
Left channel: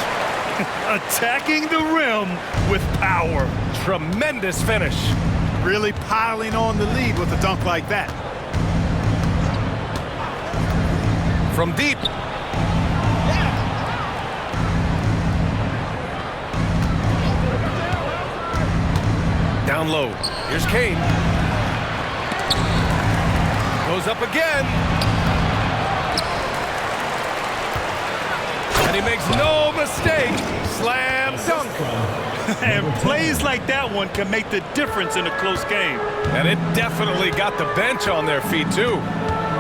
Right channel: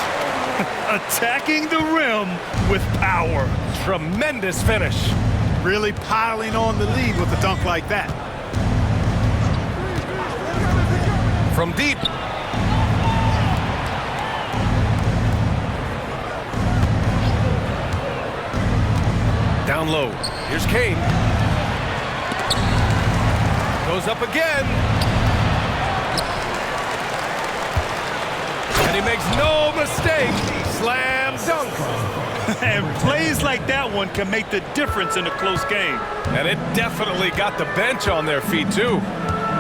Attacking the rim with power. Tremendous finish. Really piling on the lead with a dunk like that. From deep. Down low. Here's Kane. Goes up again. And he makes no mistake. Slam dunk. And plays like that one can make the difference in a close game. And it definitely got the bench on their feet, too.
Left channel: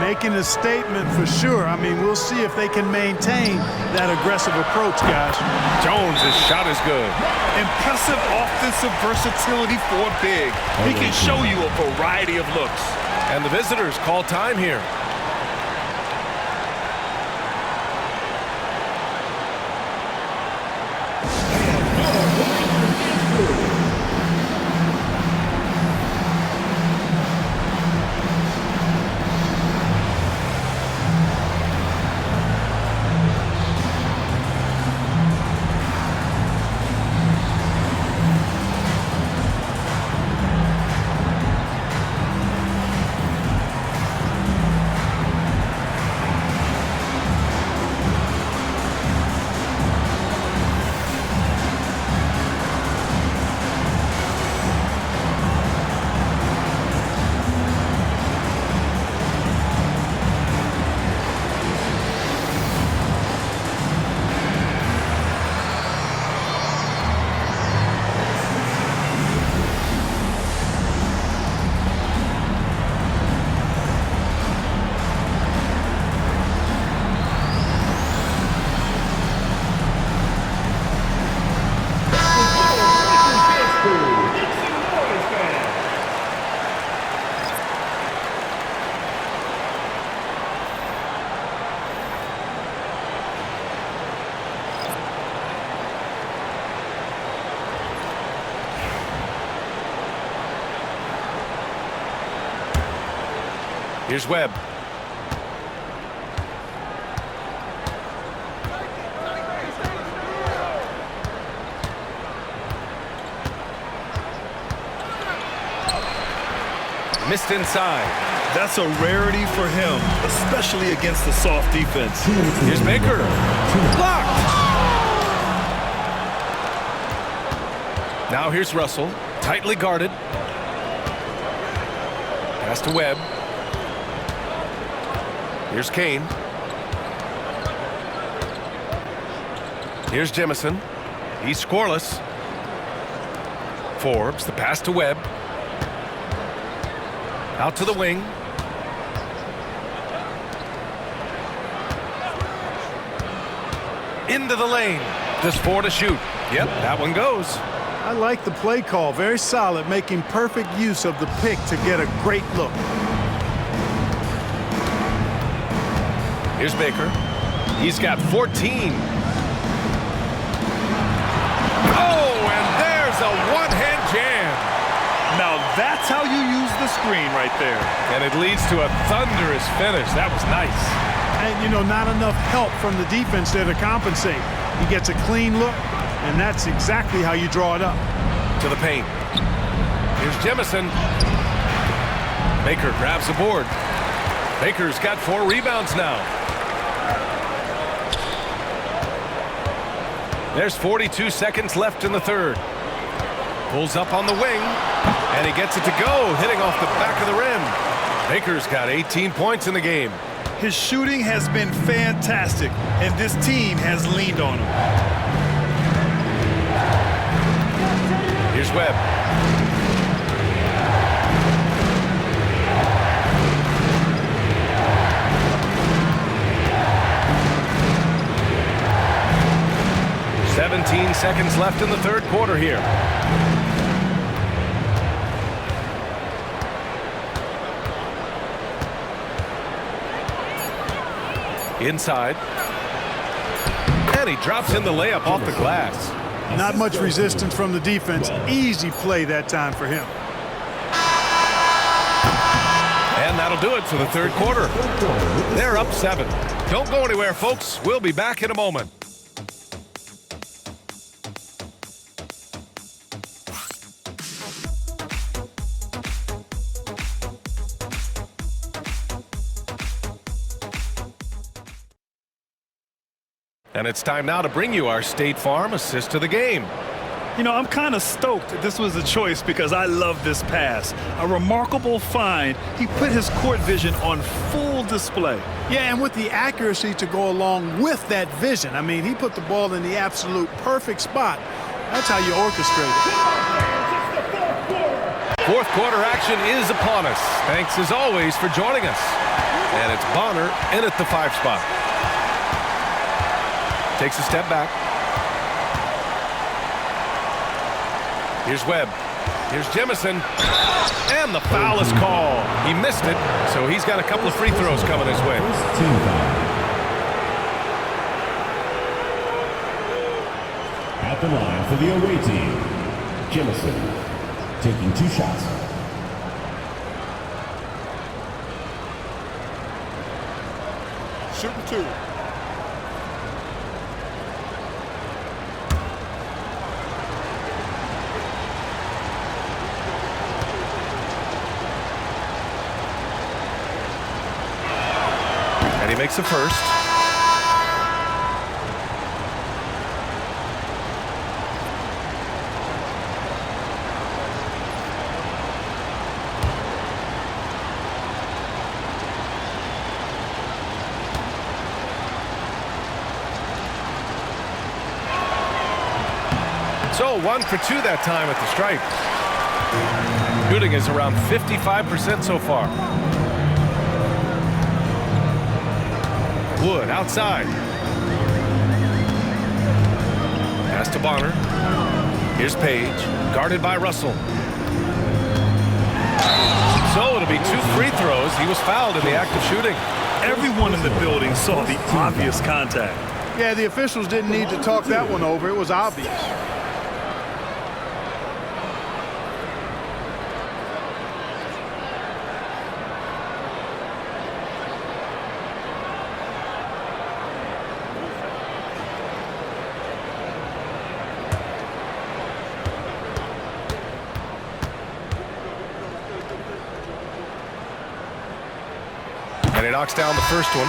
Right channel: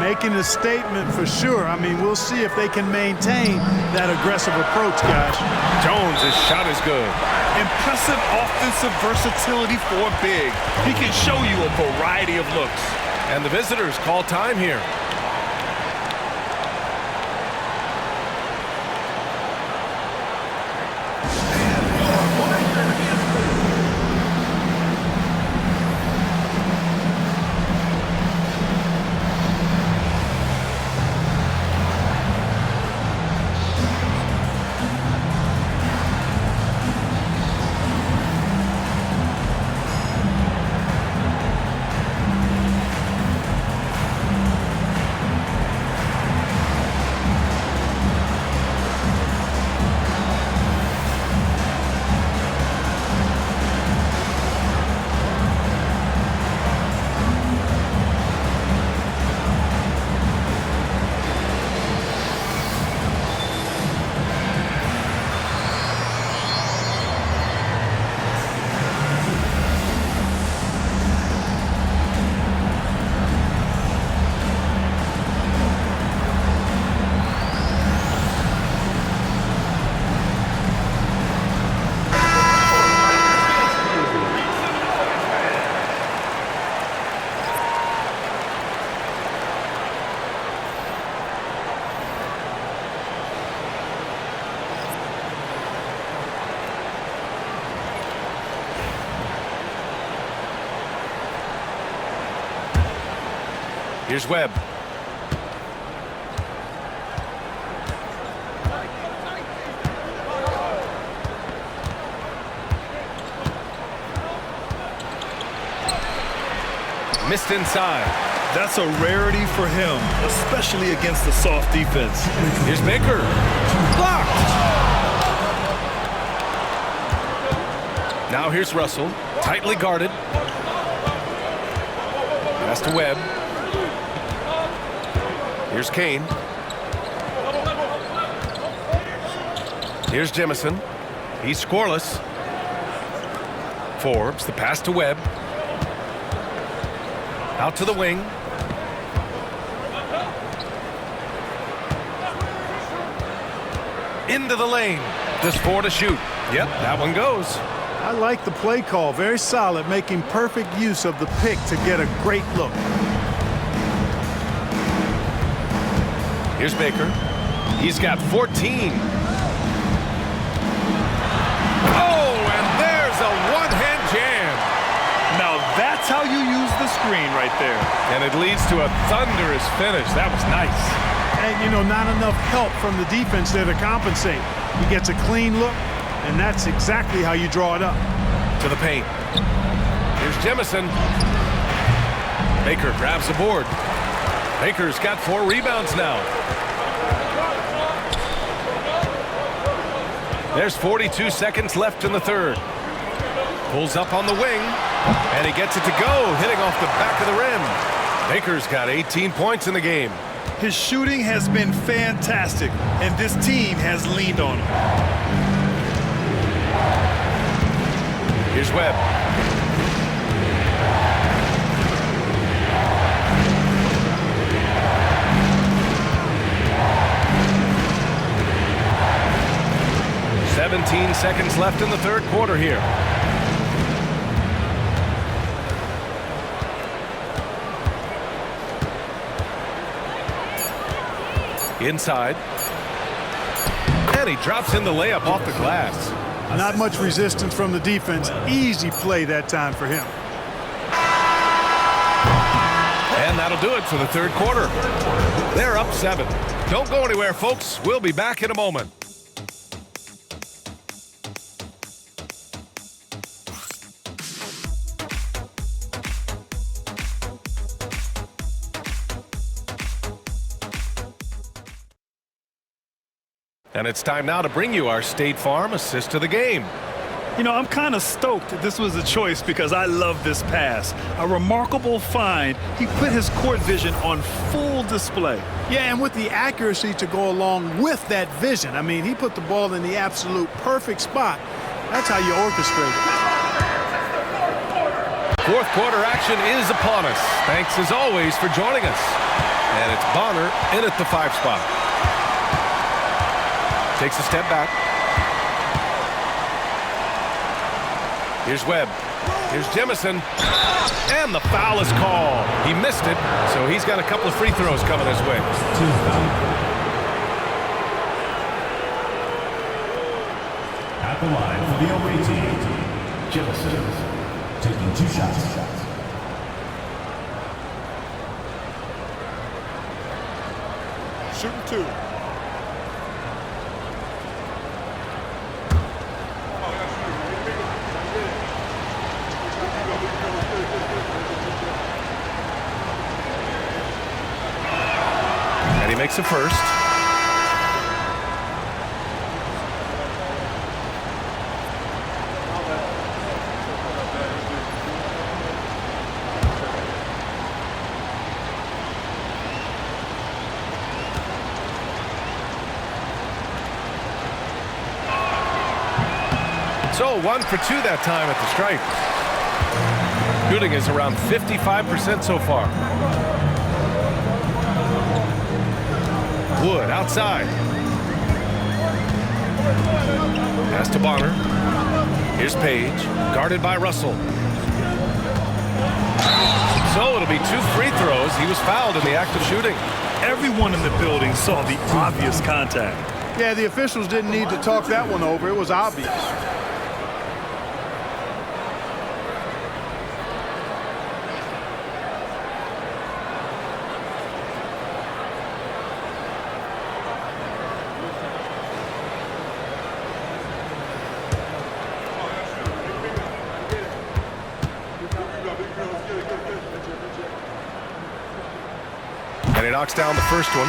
Making a statement for sure. I mean, we'll see if they can maintain that aggressive approach, guys. Jones' shot is good. Impressive offensive versatility for a big. He can show you a variety of looks. And the visitors call time here. Here's Webb. Missed inside. That's a rarity for him, especially against the soft defense. Here's Baker. Blocked. Now here's Russell. Tightly guarded. Pass to Webb. Here's Kane. Here's Jemison. He's scoreless. Forbes, the pass to Webb. Out to the wing. Into the lane. Just 4 to shoot. Yep, that one goes. I like the play call. Very solid, making perfect use of the pick to get a great look. Here's Baker. He's got 14. Oh, and there's a one-hand jam. Now that's how you use the screen right there. And it leads to a thunderous finish. That was nice. And, you know, not enough help from the defense there to compensate. He gets a clean look, and that's exactly how you draw it up. To the paint. Here's Jemison. Baker grabs the board. Baker's got 4 rebounds now. There's 42 seconds left in the third. Pulls up on the wing, and he gets it to go, hitting off the back of the rim. Baker's got 18 points in the game. His shooting has been fantastic, and this team has leaned on him. Here's Webb. "17 seconds left in the third quarter here. Inside. And he drops in the layup off the glass. Not much resistance from the defense. Easy play that time for him. And that'll do it for the third quarter. They're up 7. Don't go anywhere, folks. We'll be back in a moment. And it's time now to bring you our State Farm assist to the game. You know, I'm kind of stoked this was a choice because I love this pass. A remarkable find. He put his court vision on full display. Yeah, and with the accuracy to go along with that vision. I mean, he put the ball in the absolute perfect spot. That's how you orchestrate it. Fourth quarter action is upon us. Thanks as always for joining us. And it's Bonner in at the 5 spot. Takes a step back. Here's Webb. Here's Jemison. And the foul is called. He missed it, so he's got a couple of free throws coming his way. Team foul. At the line for the away team, Jemison taking 2 shots. Shooting 2. And he makes the first. So 1 for 2 that time at the stripe. Shooting is around 55% so far. Wood outside. Pass to Bonner. Here's Page, guarded by Russell. So it'll be 2 free throws. He was fouled in the act of shooting. Everyone in the building saw the obvious contact. Yeah, the officials didn't need to talk that one over. It was obvious. And he knocks down the first one.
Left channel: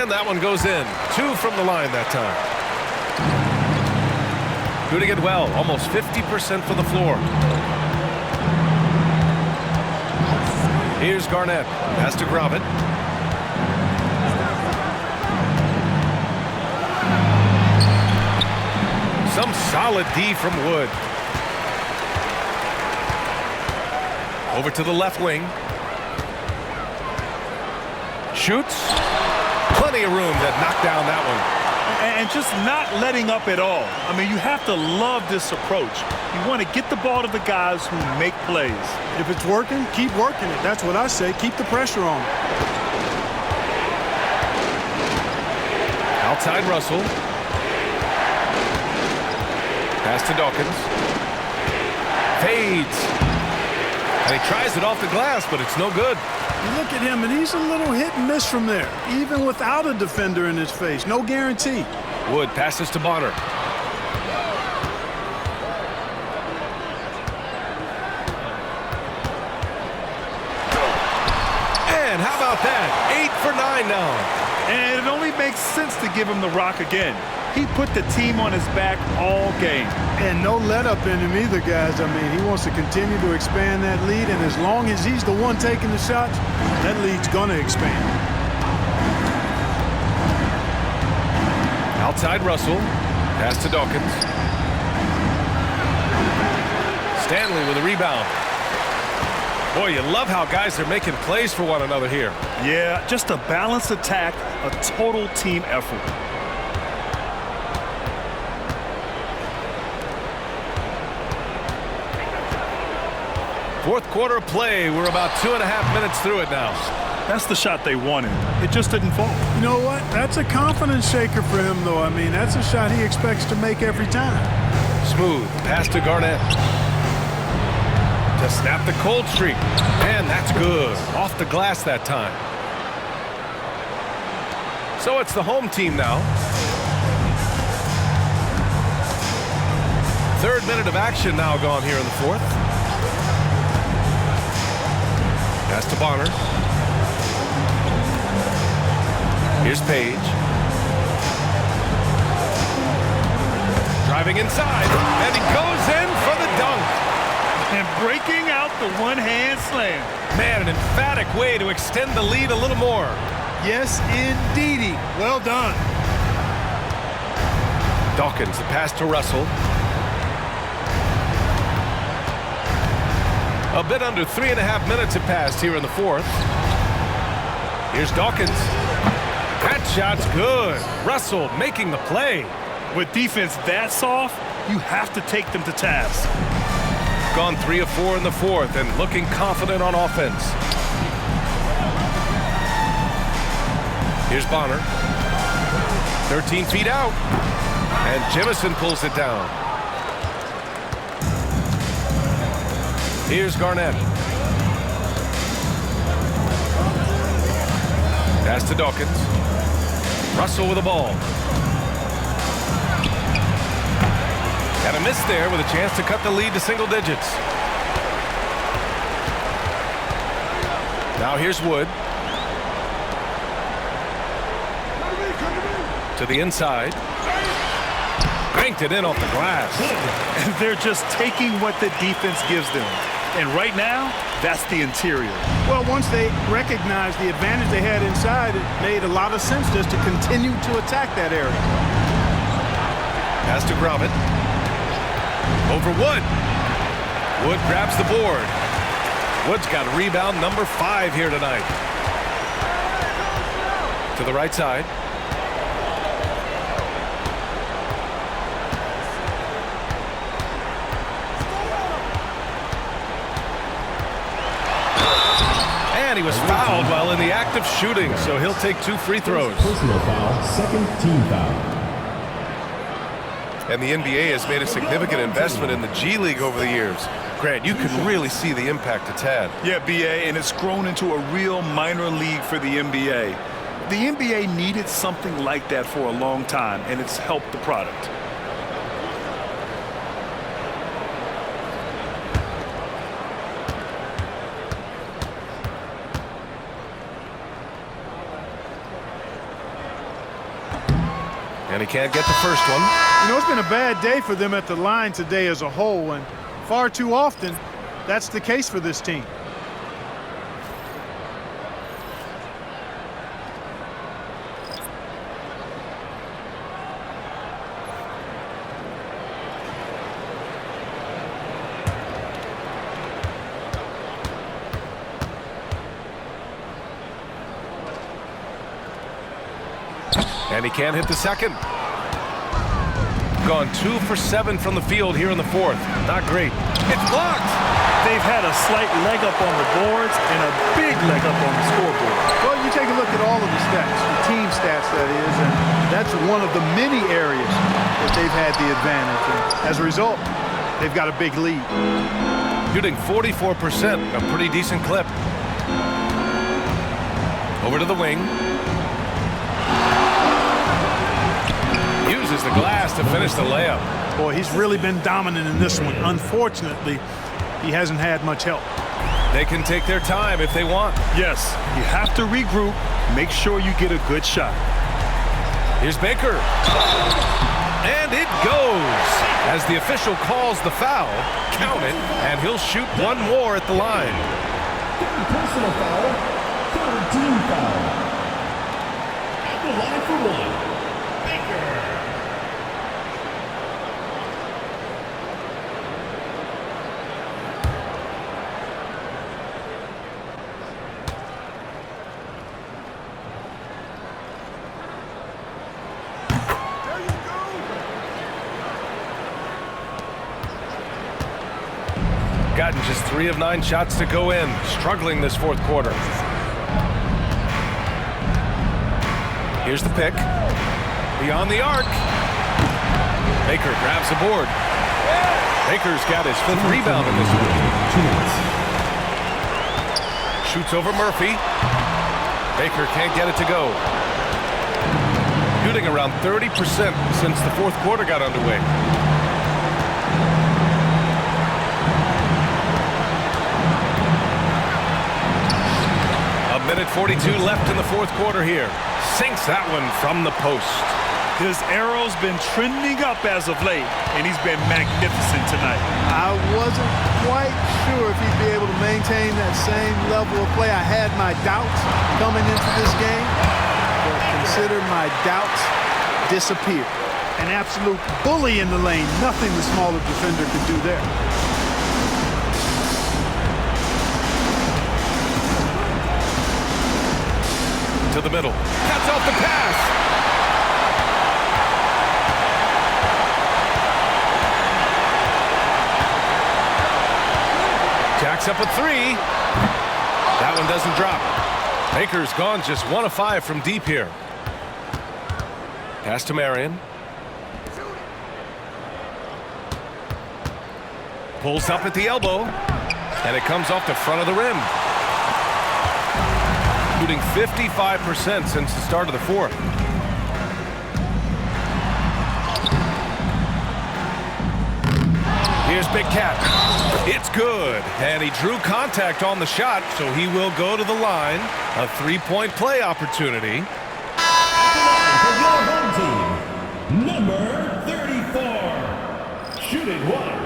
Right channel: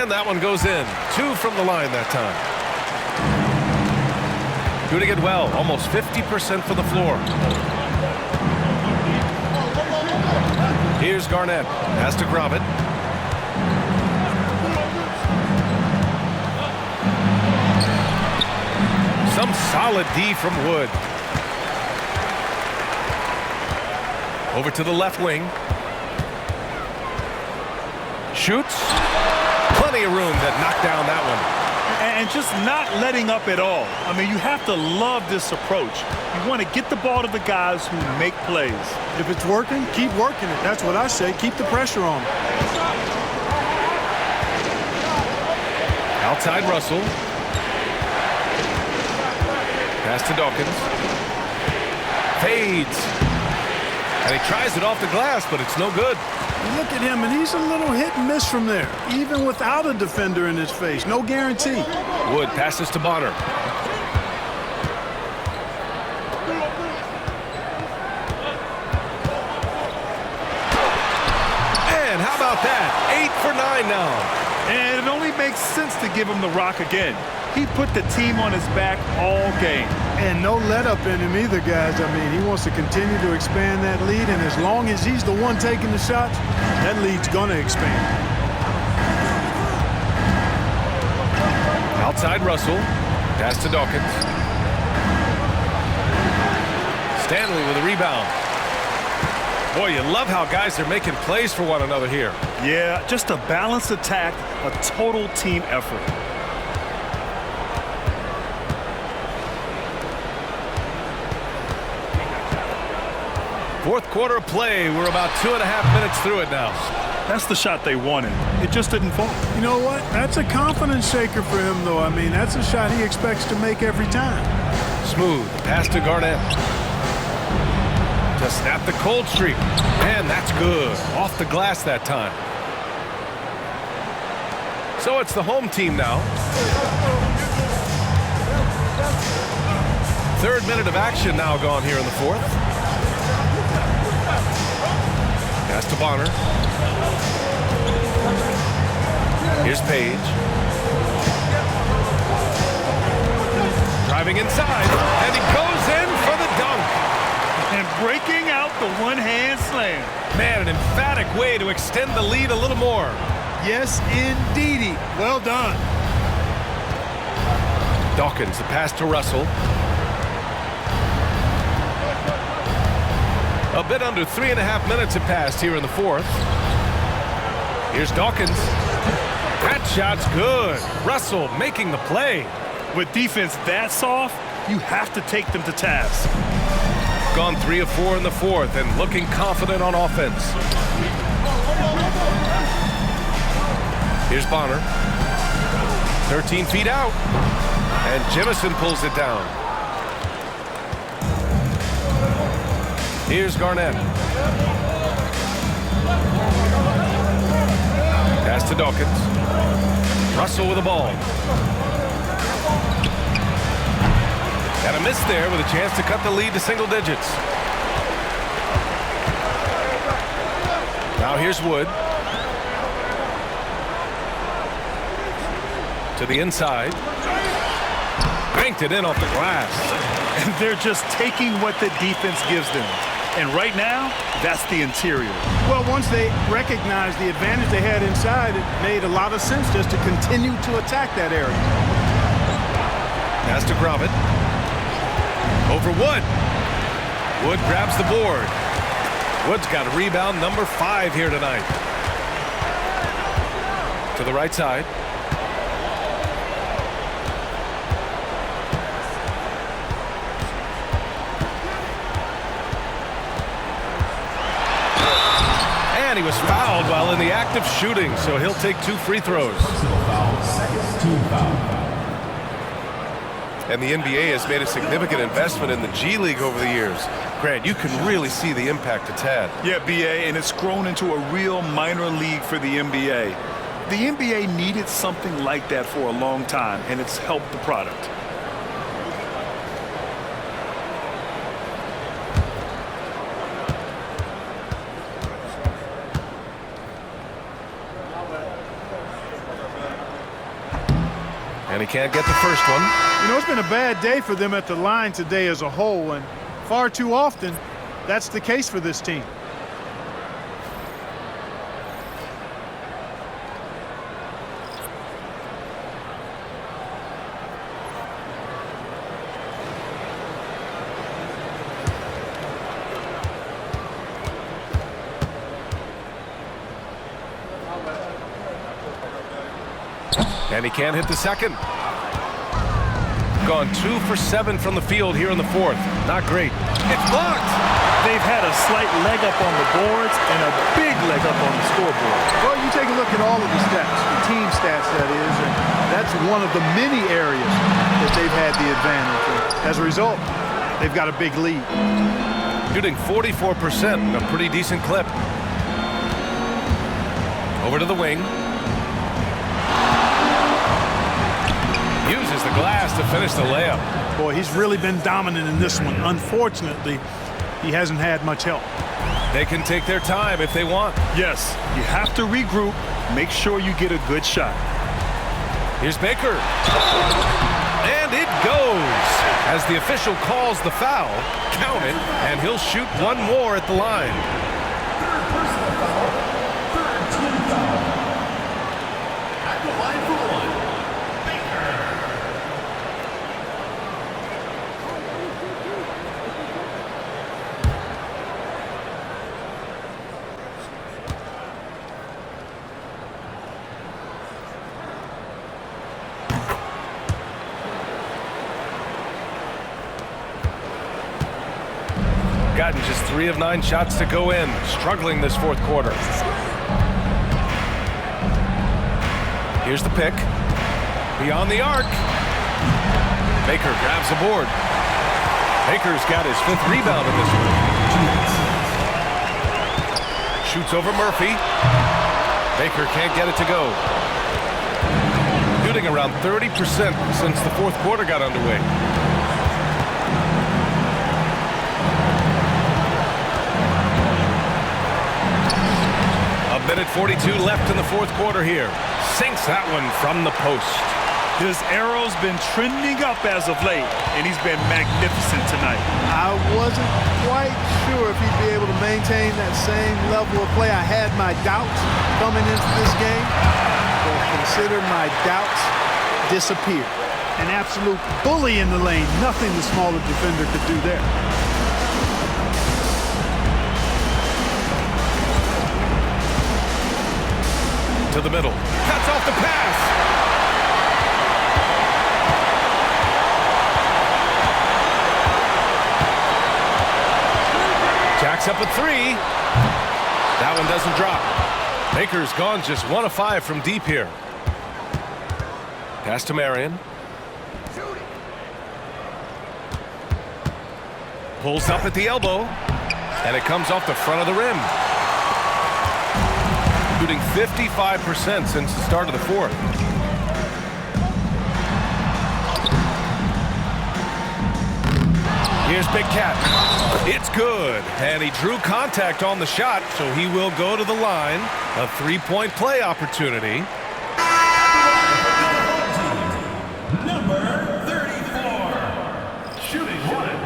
And that one goes in. 2 from the line that time. Doing it well. Almost 50% for the floor. Here's Garnett. Has to grab it. Some solid D from Wood. Over to the left wing. Shoots. Plenty of room to knock down that one. And just not letting up at all. I mean, you have to love this approach. You want to get the ball to the guys who make plays. If it's working, keep working it. That's what I say. Keep the pressure on. Outside Russell. Pass to Dawkins. Fades. And he tries it off the glass, but it's no good. You look at him, and he's a little hit and miss from there, even without a defender in his face. No guarantee. Wood passes to Bonner. And how about that? 8 for 9 now. And it only makes sense to give him the rock again. He put the team on his back all game. And no let up in him either, guys. I mean, he wants to continue to expand that lead, and as long as he's the one taking the shots, that lead's going to expand. Outside Russell. Pass to Dawkins. Stanley with a rebound. Boy, you love how guys are making plays for one another here. Yeah, just a balanced attack, a total team effort. Fourth quarter of play. We're about 2.5 minutes through it now. That's the shot they wanted. It just didn't fall. You know what? That's a confidence shaker for him, though. I mean, that's a shot he expects to make every time. Smooth pass to Garnett. To snap the cold streak. And that's good. Off the glass that time. So it's the home team now. Third minute of action now gone here in the fourth. Pass to Bonner. Here's Page. Driving inside, and he goes in for the dunk. And breaking out the one-hand slam. Man, an emphatic way to extend the lead a little more. Yes, indeedy. Well done. Dawkins, the pass to Russell. A bit under 3.5 minutes have passed here in the fourth. Here's Dawkins. That shot's good. Russell making the play. With defense that soft, you have to take them to task. Gone 3 of 4 in the fourth and looking confident on offense. Here's Bonner. 13 feet out. And Jemison pulls it down. Here's Garnett. Pass to Dawkins. Russell with the ball. Got a miss there with a chance to cut the lead to single digits. Now here's Wood. To the inside. Banked it in off the glass. And they're just taking what the defense gives them. And right now, that's the interior. Well, once they recognized the advantage they had inside, it made a lot of sense just to continue to attack that area. Pass to Grovitt. Over Wood. Wood grabs the board. Wood's got a rebound number 5 here tonight. To the right side. And he was fouled while in the act of shooting, so he'll take 2 free throws. Personal foul, second team foul. And the NBA has made a significant investment in the G League over the years. Grant, you can really see the impact it's had. Yeah, BA, and it's grown into a real minor league for the NBA. The NBA needed something like that for a long time, and it's helped the product. And he can't get the first one. You know, it's been a bad day for them at the line today as a whole, and far too often, that's the case for this team. And he can't hit the second. Gone 2 for 7 from the field here in the fourth. Not great. It's blocked. They've had a slight leg up on the boards and a big leg up on the scoreboard. Well, you take a look at all of the stats, the team stats that is, and that's one of the many areas that they've had the advantage. And as a result, they've got a big lead. Shooting 44%, a pretty decent clip. Over to the wing. Uses the glass to finish the layup. Boy, he's really been dominant in this one. Unfortunately, he hasn't had much help. They can take their time if they want. Yes, you have to regroup, make sure you get a good shot. Here's Baker. And it goes. As the official calls the foul, count it, and he'll shoot one more at the line. Third personal foul, third team foul. At the line for one, Baker. gotten just 3 of 9 shots to go in, struggling this fourth quarter. Here's the pick. Beyond the arc. Baker grabs the board. Baker's got his 5th rebound in this one. Shoots over Murphy. Baker can't get it to go. Shooting around 30% since the fourth quarter got underway. A minute 42 left in the fourth quarter here. Sinks that one from the post. His arrow's been trending up as of late, and he's been magnificent tonight. I wasn't quite sure if he'd be able to maintain that same level of play. I had my doubts coming into this game, but consider my doubts disappeared. An absolute bully in the lane. Nothing the smaller defender could do there. To the middle. Cuts off the pass. Jacks up a 3. That one doesn't drop. Baker's gone just 1 of 5 from deep here. Pass to Marion. Pulls up at the elbow. And it comes off the front of the rim. Shooting 55% since the start of the fourth. Here's Big Cat. It's good. And he drew contact on the shot, so he will go to the line. A 3-point play opportunity. Number 34. Shooting 1.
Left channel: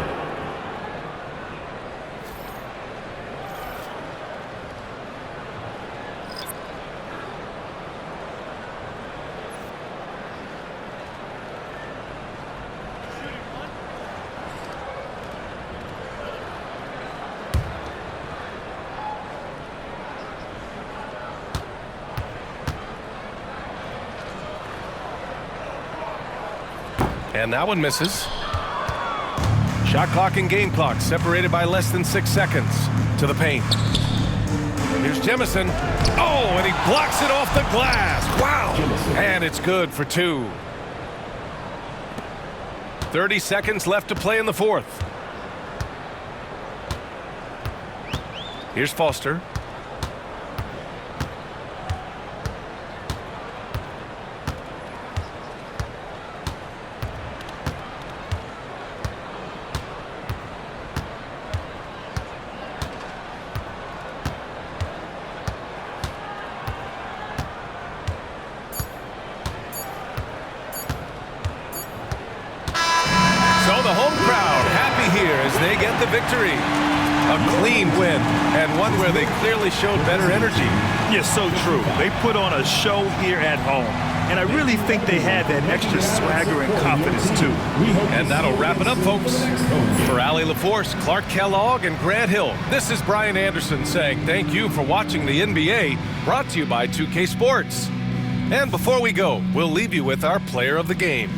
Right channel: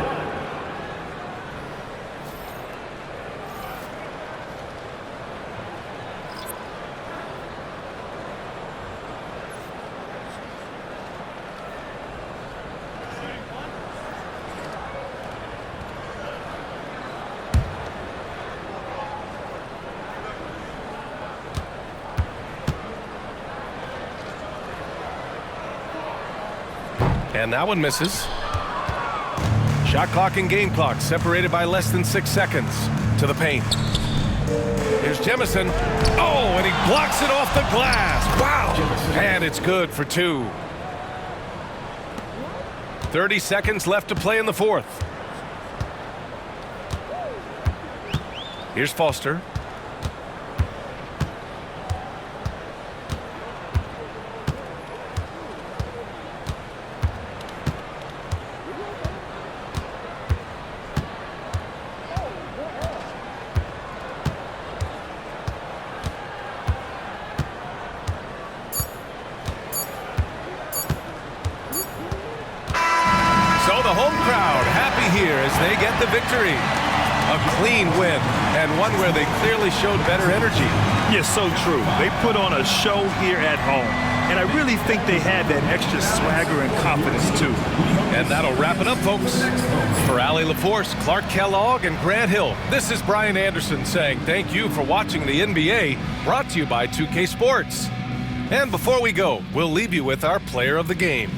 And that one misses. Shot clock and game clock separated by less than 6 seconds. To the paint. Here's Jemison. Oh, and he blocks it off the glass. Wow. And it's good for 2. 30 seconds left to play in the fourth. Here's Foster. So the home crowd happy here as they get the victory. A clean win, and one where they clearly showed better energy. Yes, so true. They put on a show here at home, and I really think they had that extra swagger and confidence, too. And that'll wrap it up, folks. For Allie LaForce, Clark Kellogg, and Grant Hill, this is Brian Anderson saying thank you for watching the NBA, brought to you by 2K Sports. And before we go, we'll leave you with our player of the game.